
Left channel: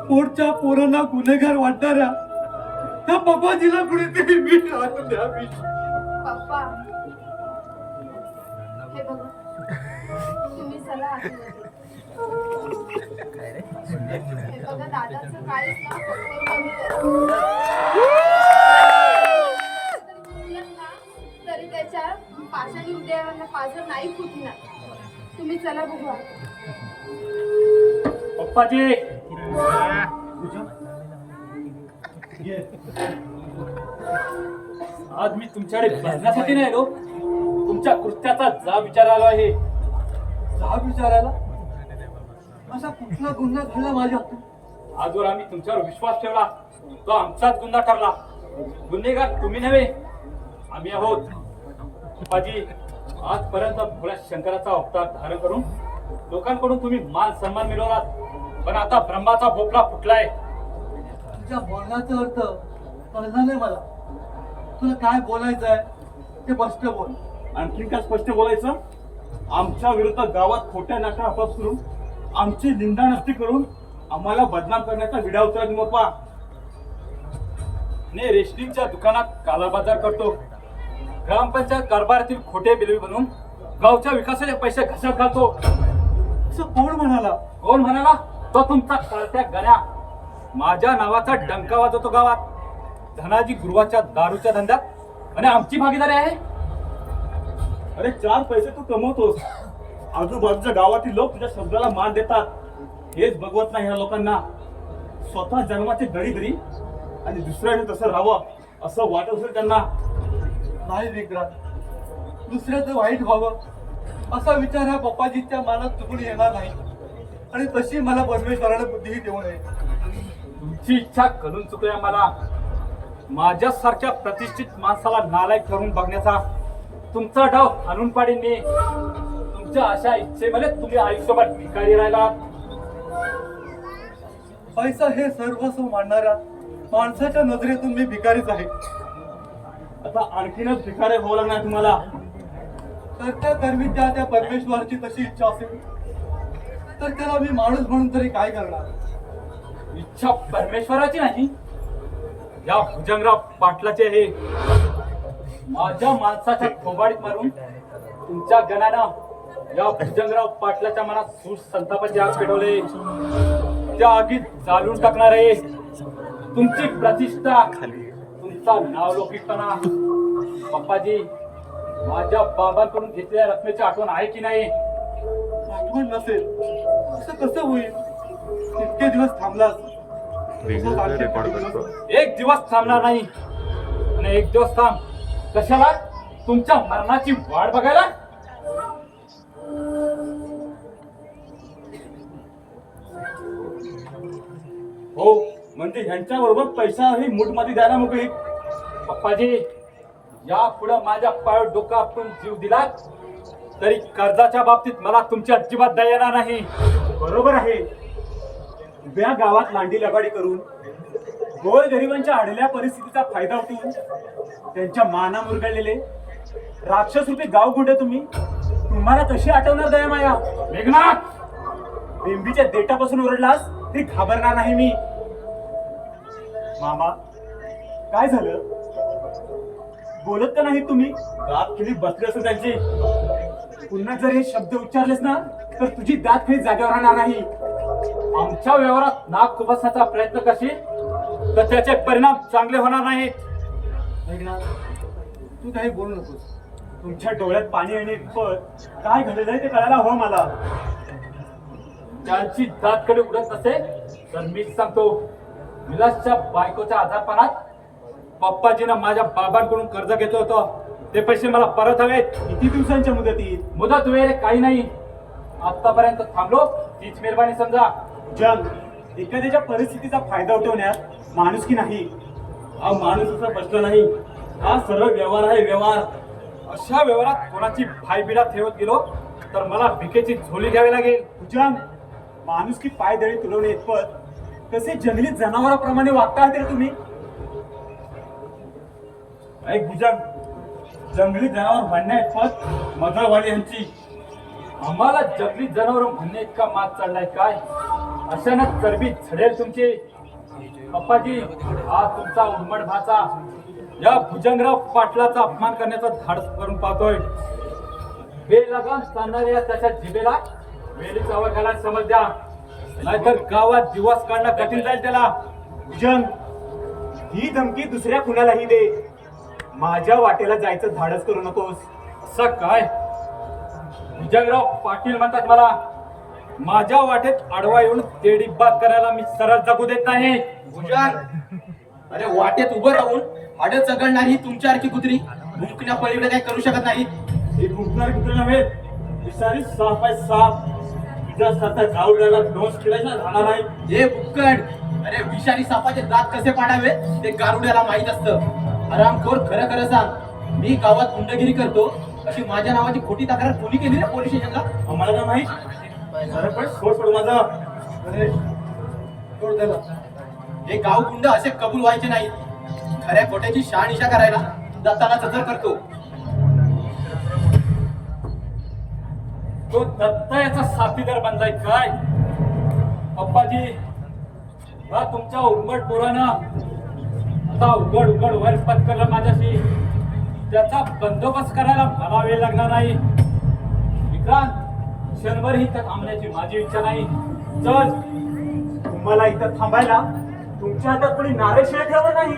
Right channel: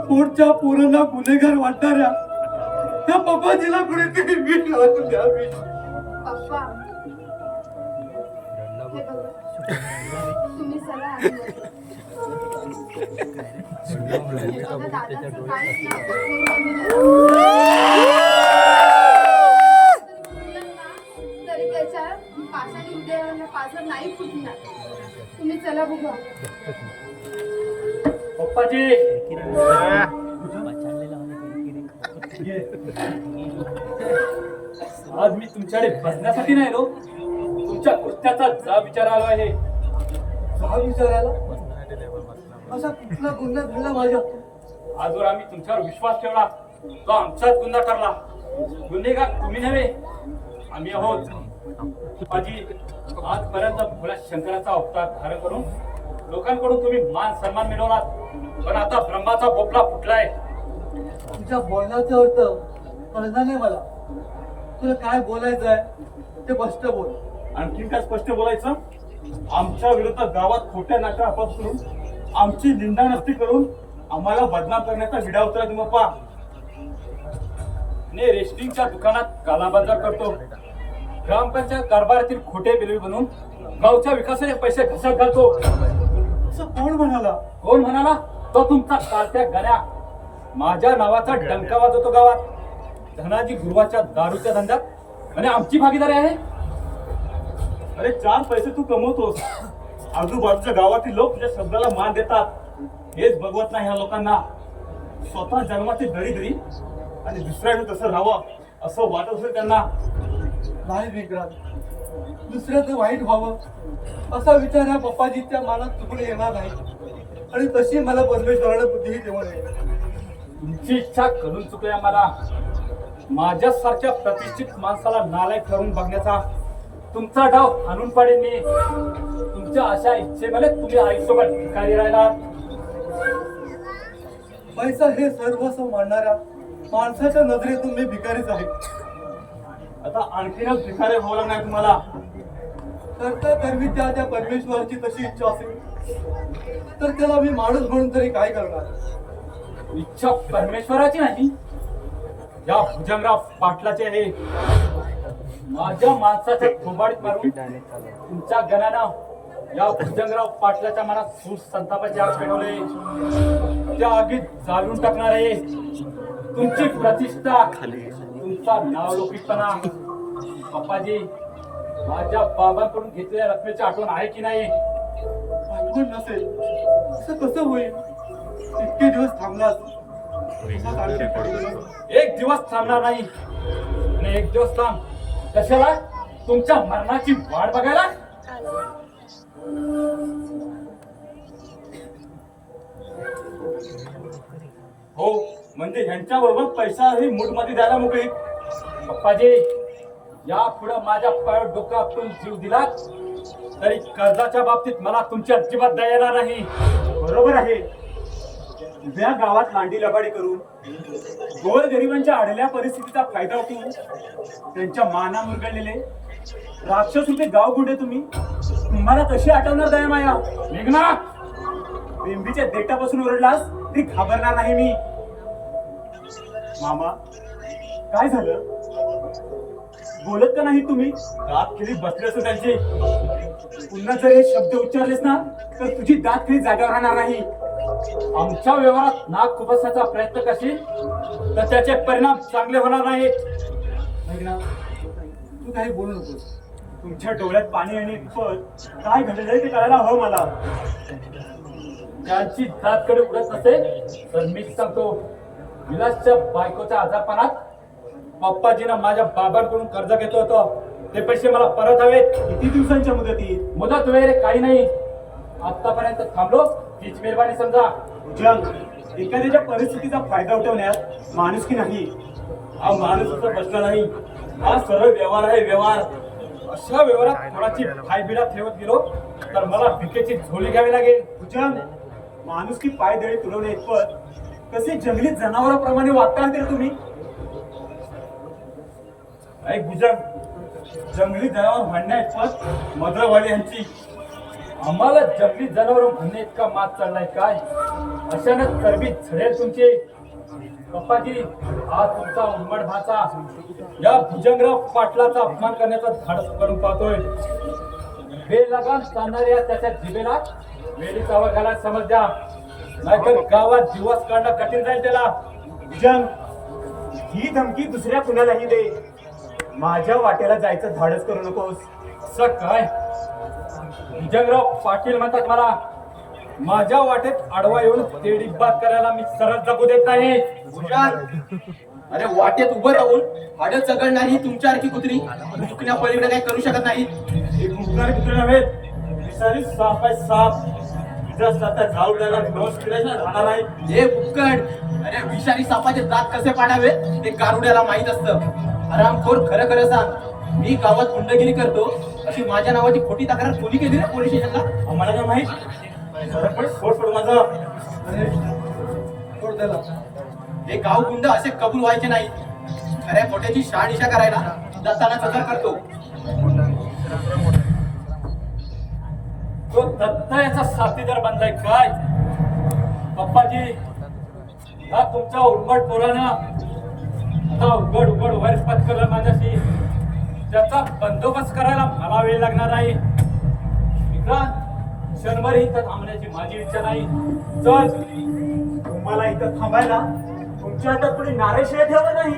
पुढच्या पोरांना गुन्हेगार वाटणाऱ्या त्या पप्पाजीला कुणीतरी मीठ लावून द्या. मीठ पप्पा हे बघा तुम्ही चला आधी बघा दादाचं काहीच ना करून कमी तरी त्याच्या पाषाणी हृदयावरनं पाझर नाही फुटणार. तुम्ही चला बघू. पप्पाजी आज मी तुमच्याकडे बसण्यासाठी नाही आलो, तुमच्या कृत्याचा जाब विचारायला आहे. जाब विचारायला? असा कुठला गुन्हा घडला माझ्या हातून? आजवर आम्ही तुमच्यावर विश्वास ठेवला तो आमचाच गुन्हा ठरला. गुन्हेगार तुम्ही नव्हे आम्ही आहोत. पप्पाजी आजपर्यंत भोळ्या शंकराचा अवतार धारण करून लोकांकडून तुम्ही मान सन्मान मिळवलात. पण आता ब्रह्माचा भोपळा फुटलाय. तुझ्या बोलण्याचा अर्थ कळला नाही मला. तुला काय बोलायचं आहे ते स्पष्ट बोल. आणखी काय स्पष्ट बोलायचं? आमच्या विरुद्ध गावात खोट्या नाट्या आपाप करून आमची निंदानस्ती करून आम्हाला बदनाम करण्याचा विडा उचलला तुम्ही पप्पा. ने रेशनिंगच्या दुकानात कालाबाजार करतो. ग्रामपंचायत कारभारातील खोटे बिल बनवून गावच्या विकासाचे पैसे घसरत घालतो. असं कोण म्हणाला? कोण म्हणाला? तो तुमचा कारत्या गण्या. माझ्या नावाचा डंका वाजवतो गावात. धनाजी गुरुवाच्या दारूच्या धंद्यात आणि आमची भागीदारी आहे. अरे 4 पैसे तू कमवतोस, आजूबाजूच्या गावातील लोक तुझ्या शब्दाला मान देतात. हेच बघवत नाही ह्या लोकांना. स्वतः जन्माची दळी आणि दुसऱ्याने तसं राहावं असं वाटत असेल त्यांना. नाही विक्रांत, दुसऱ्याचं वाईट व्हावं असा विचार या पप्पाजीच्या मनात चुकून येणार नाही. आणि तशी मला परमेश्वराने बुद्धीही देऊ नये. तुमची इच्छा करून चुकली आम्हाला. माझ्यासारख्या प्रतिष्ठित माणसाला नालायक करून बघण्याचा तुमचा डाव हाणून पाडेन मी. तुमच्या अशा इच्छेमध्ये तुम्ही आयुष्यभर भिकारी राहिला. पैसा हे सर्वस्व मानणाऱ्या माणसाच्या नजरेतून मी भिकारीच आहे. आता आणखीनच भिकारी व्हावं लागणार तुम्हाला. करता करवी त्या परमेश्वराची तशी इच्छा असेल तर त्याला मी माणूस म्हणून तरी काय करणार? इच्छा परमेश्वराची नाही, या भुजंगराव पाटलाची आहे. माझ्या माणसाच्या खोबाडीत मारून तुमच्या गणानं या भुजंगराव पाटलाच्या मनात सूर संतापाचे आग पेटवले. त्या आगीत जाळून टाकणारे तुमची प्रतिष्ठा, तुमचा नावलौकिकपणा. पप्पाजी, माझ्या बाबांकडून घेतलेल्या रकमेची आठवण आहे की नाही? आठवण नसेल असं कसं होईल? इतके दिवस थांबलास. एक दिवस थांबणार नाही. आणि एक दिवस थांब कशाला? तुमच्या मरणाची वाट बघायला. हो, म्हणजे ह्यांच्या बरोबर पैसा ही मूठमध्ये द्यायला मोकळी. पप्पाजी, या पुढे माझ्या पायावर डोका आपण जीव दिला तरी कर्जाच्या बाबतीत मला तुमची अजिबात दया येणार नाही. बरोबर आहे. उभ्या गावात लांडी लबाडी करून गोर गरिबांच्या आडल्या परिस्थितीचा फायदा उठवून त्यांच्या माना मुरगळलेले राक्षस रूपी गाव गुंडे तुम्हाला कशी आठवणार दया माया? मेघनाथ, बेंबीच्या देठापासून ओरडलास तरी घाबरणार नाही मी. मामा, काय झालं? बोलत का नाही तुम्ही? दात खेळी बसले असं त्यांचे. पुन्हा जर हे शब्द उच्चारलेस ना तर तुझी दात खेळी जागेवर राहणार नाही. आमच्या व्यवहारात नाक खुपसण्याचा प्रयत्न करशील तर त्याचे परिणाम चांगले होणार नाहीत. मेघनाथ, तू काही बोलू नकोस. तुमच्या डोळ्यात पाणी येणे इतपत काय घडलंय ते कळायला हवं मला. त्यांची दातकडे उडत नसेल तर मीच सांगतो. विलासच्या बायकोच्या आजारपणात पप्पाजीनं माझ्या बाबांकडून कर्ज घेतलं होतं. ते पैसे मला परत हवेत. किती दिवसांच्या मुदतीत? मुदत वेळ काही नाही. आतापर्यंत थांबलो तीच मेहरबानी समजा. जग एखाद्याच्या परिस्थितीचा फायदा उठवण्यात माणुसकी नाही. हा माणूस असं प्रश्न नाही, हा सरळ व्यवहार आहे, व्यवहार. अशा व्यवहारात कोणाची फायबिडा ठेवत गेलो तर मला भिकेची झोली घ्यावी लागेल. भुजंग, माणुसकी पायदळी तुडवणे इतपत कसे जंगली जनावरांप्रमाणे वागता आहात रे तुम्ही? ऐक भुजंग, जंगली जनावर म्हणण्या इतपत मधळवाडी यांची. आम्हाला जंगली जनावर म्हणणे इतका मात चाललाय काय? अशानं चरबी झडेल तुमची. पप्पाजी, हा तुमचा उन्मट भाचा या भुजंगराव पाटलाचा अपमान करण्याचा धाडस करून पाहतोय. बेलगाम चालणाऱ्या त्याच्या जिभेला वेळीचा वर घालायला समज द्या, नाहीतर गावात दिवस काढणं कठीण जाईल त्याला. भुजंग, ही धमकी दुसऱ्या कुणालाही दे. माझ्या वाटेला जायचं धाडस करू नकोस. असं काय? भुजंगराव पाटील म्हणतात मला. माझ्या वाटेत आडवा येऊन तेडीबाद करायला मी सरळ जगू देत नाही. भुजंग, अरे वाटेत उभं राहून हाडं चगळणारी तुमच्यासारखी कुत्री भुंकण्या पलीकडे काही करू शकत नाही. हे गुंफणारे कुत्रे नव्हे, विषारी साप आहे, साप. तुझ्यासारखा गावड्याला डोस केल्याशिवाय राहणार नाही. हे बुक्कड, अरे विषारी सापाचे दात कसे पाडावे ते गारुड्याला माहित असतं. आरामखोर, खरं खरं सांग, मी गावात गुंडगिरी करतो अशी माझ्या नावाची खोटी तक्रार कोणी केली रे पोलीस स्टेशनला? आम्हाला काय माहित? सोड माझं. अरे, सोड त्याला. हे गाव गुंड असे कबूल व्हायचे नाही. खऱ्या खोट्याची शहानिशा करायला दत्ताला सदर करतो. तो दत्त याचा साथीदार बनलाय काय? पप्पाजी, हा तुमच्या उर्मट पोरानं आता उघड उघड वर पत्करलं माझ्याशी. त्याचा बंदोबस्त करायला मला वेळ लागणार नाही. विक्रांत, क्षणभर इथं थांबण्याची माझी इच्छा नाही. चल. तुम्हाला इथं थांबायला तुमच्या हातात कोणी नारेशिवाय ठेवलं नाही.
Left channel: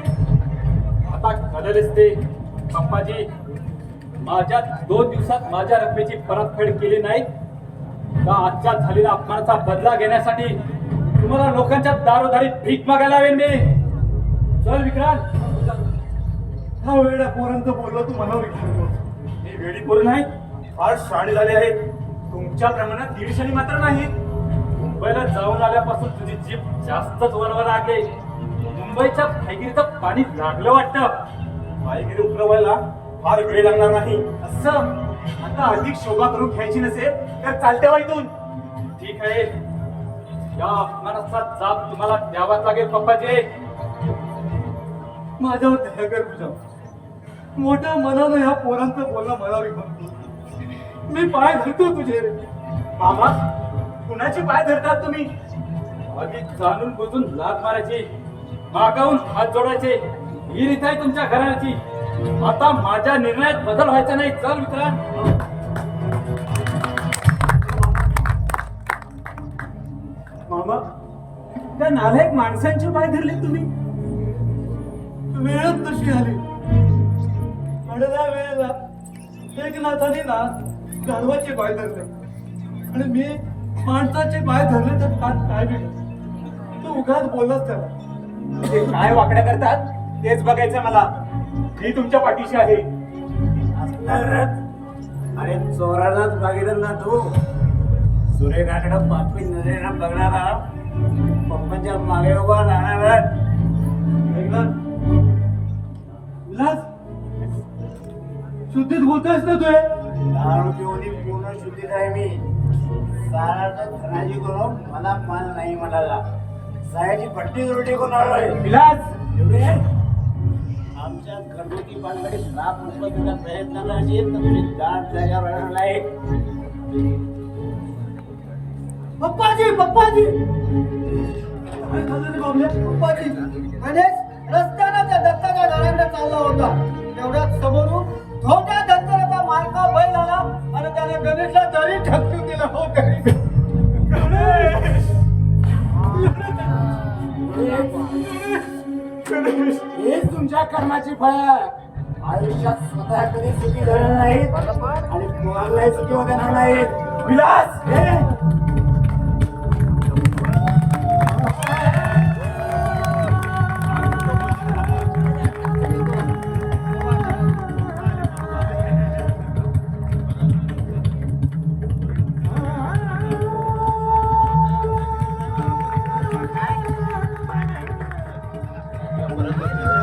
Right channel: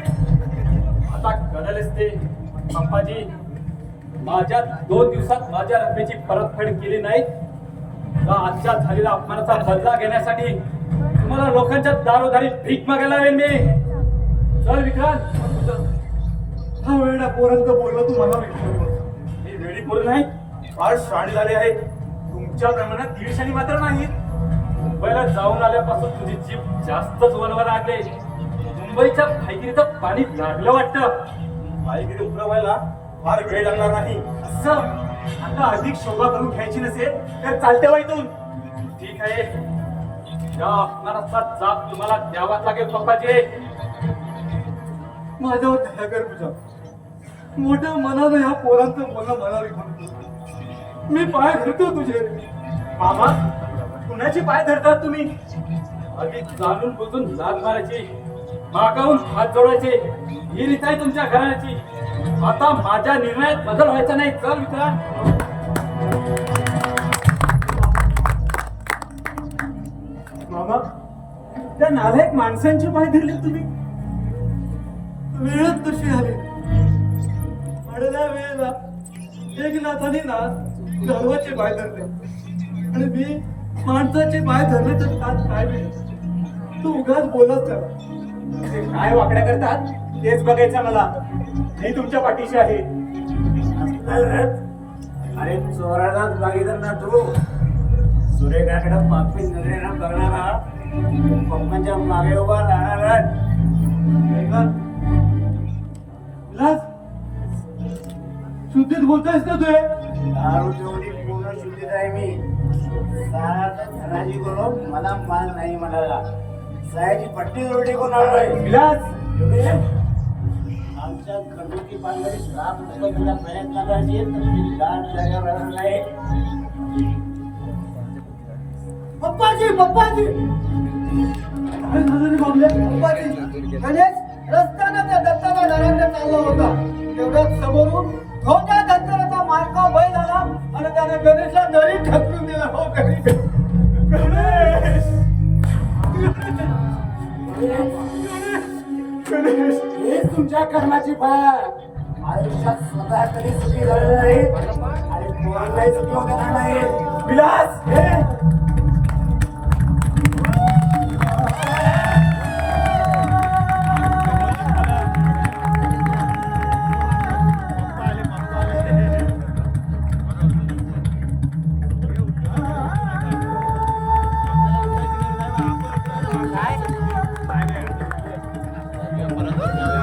आता कळलेच ते. पप्पाजी, माझ्या 2 दिवसात माझ्या रकमेची परतफेड केली नाही तर आजच्या झालेल्या अपमानाचा बदला घेण्यासाठी तुम्हाला लोकांच्या दारोदारी भीक मागायला लावेन मी. चल विक्रांत. हा वेळा पोरांचं बोलणं तू मला हे वेळी पोरं नाहीत, फार शाळे झाले आहेत. तुमच्या प्रमाणात 150 मात्र नाहीत. मुंबईला जाऊन आल्यापासून तुझी जीभ जास्तच वळवायला लागले. मुंबईच्या भाईगिरीचं पाणी लागलं वाटतं. भाईगिरी उतरवायला फार वेळ लागणार नाही. असं आता अधिक शोभा करून घ्यायची नसेल तर चालते वा इथून. ठीक आहे, या अपमानाचा जाब तुम्हाला द्यावाच लागेल पप्पाजी. माझ्यावर दया कर तुझ्या. मोठ्या मनानं ह्या पोरांचं बोलणं मला विकतो. मी पाय धरतो तुझे. मामा, कुणाची पाय धरतात तुम्ही? आधी जाणून बुजून लाग मारायची, मागावून हात जोडायचे ही रीत आहे तुमच्या घराण्याची. आता माझ्या निर्णयात बदल व्हायचा नाही. चल विक्रांत. एवढ्या नालायक माणसांचे पाय धरले तुम्ही? वेळच तशी आली. अडल्या वेळेला एक नाथाने ना गाढवाचे पाय धरले आणि मी माणसाचे पाय धरले तर काय मिळेल? तू उगाच बोललास त्याला. ते काय वाकड्या करतात तेच बघायचं मला. मी तुमच्या पाठीशी आहे. अरे चोरालाच बघितलं ना तू. सुरेखाकडं पापी नजरेनं बघणारा पप्पांच्या मागे उभा राहणारा. विलास, शुद्धीत बोलतोयस ना तू? दारू पिऊन पूर्ण शुद्धीत आहे मी. सारा धनाजी करून मला माल नाही म्हणाला. सायाची पट्टी रोटी करून आलोय. विलास, एवढे आमच्या घरगुती पानगडीत ₹1,00,000 तुला प्रयत्नाला असेल तर तुझी दाट जागा राहणार नाही. पप्पाजी पप्पाजी काय झालं रे बाबल्या? पप्पाजी गणेश रस्त्यानं त्या दत्ताच्या घराकडे चालला होता. तेवढ्याच समोरून धोंड्या दत्ताचा मारका बैल आला आणि त्याने गणेशला दरी ढकलून दिला. हो हेच तुमच्या कर्माची फळ. आयुष्यात स्वतः कधी सुखी झालं नाही आणि कोणालाही सुखी होऊ देणार नाही. विलास, परत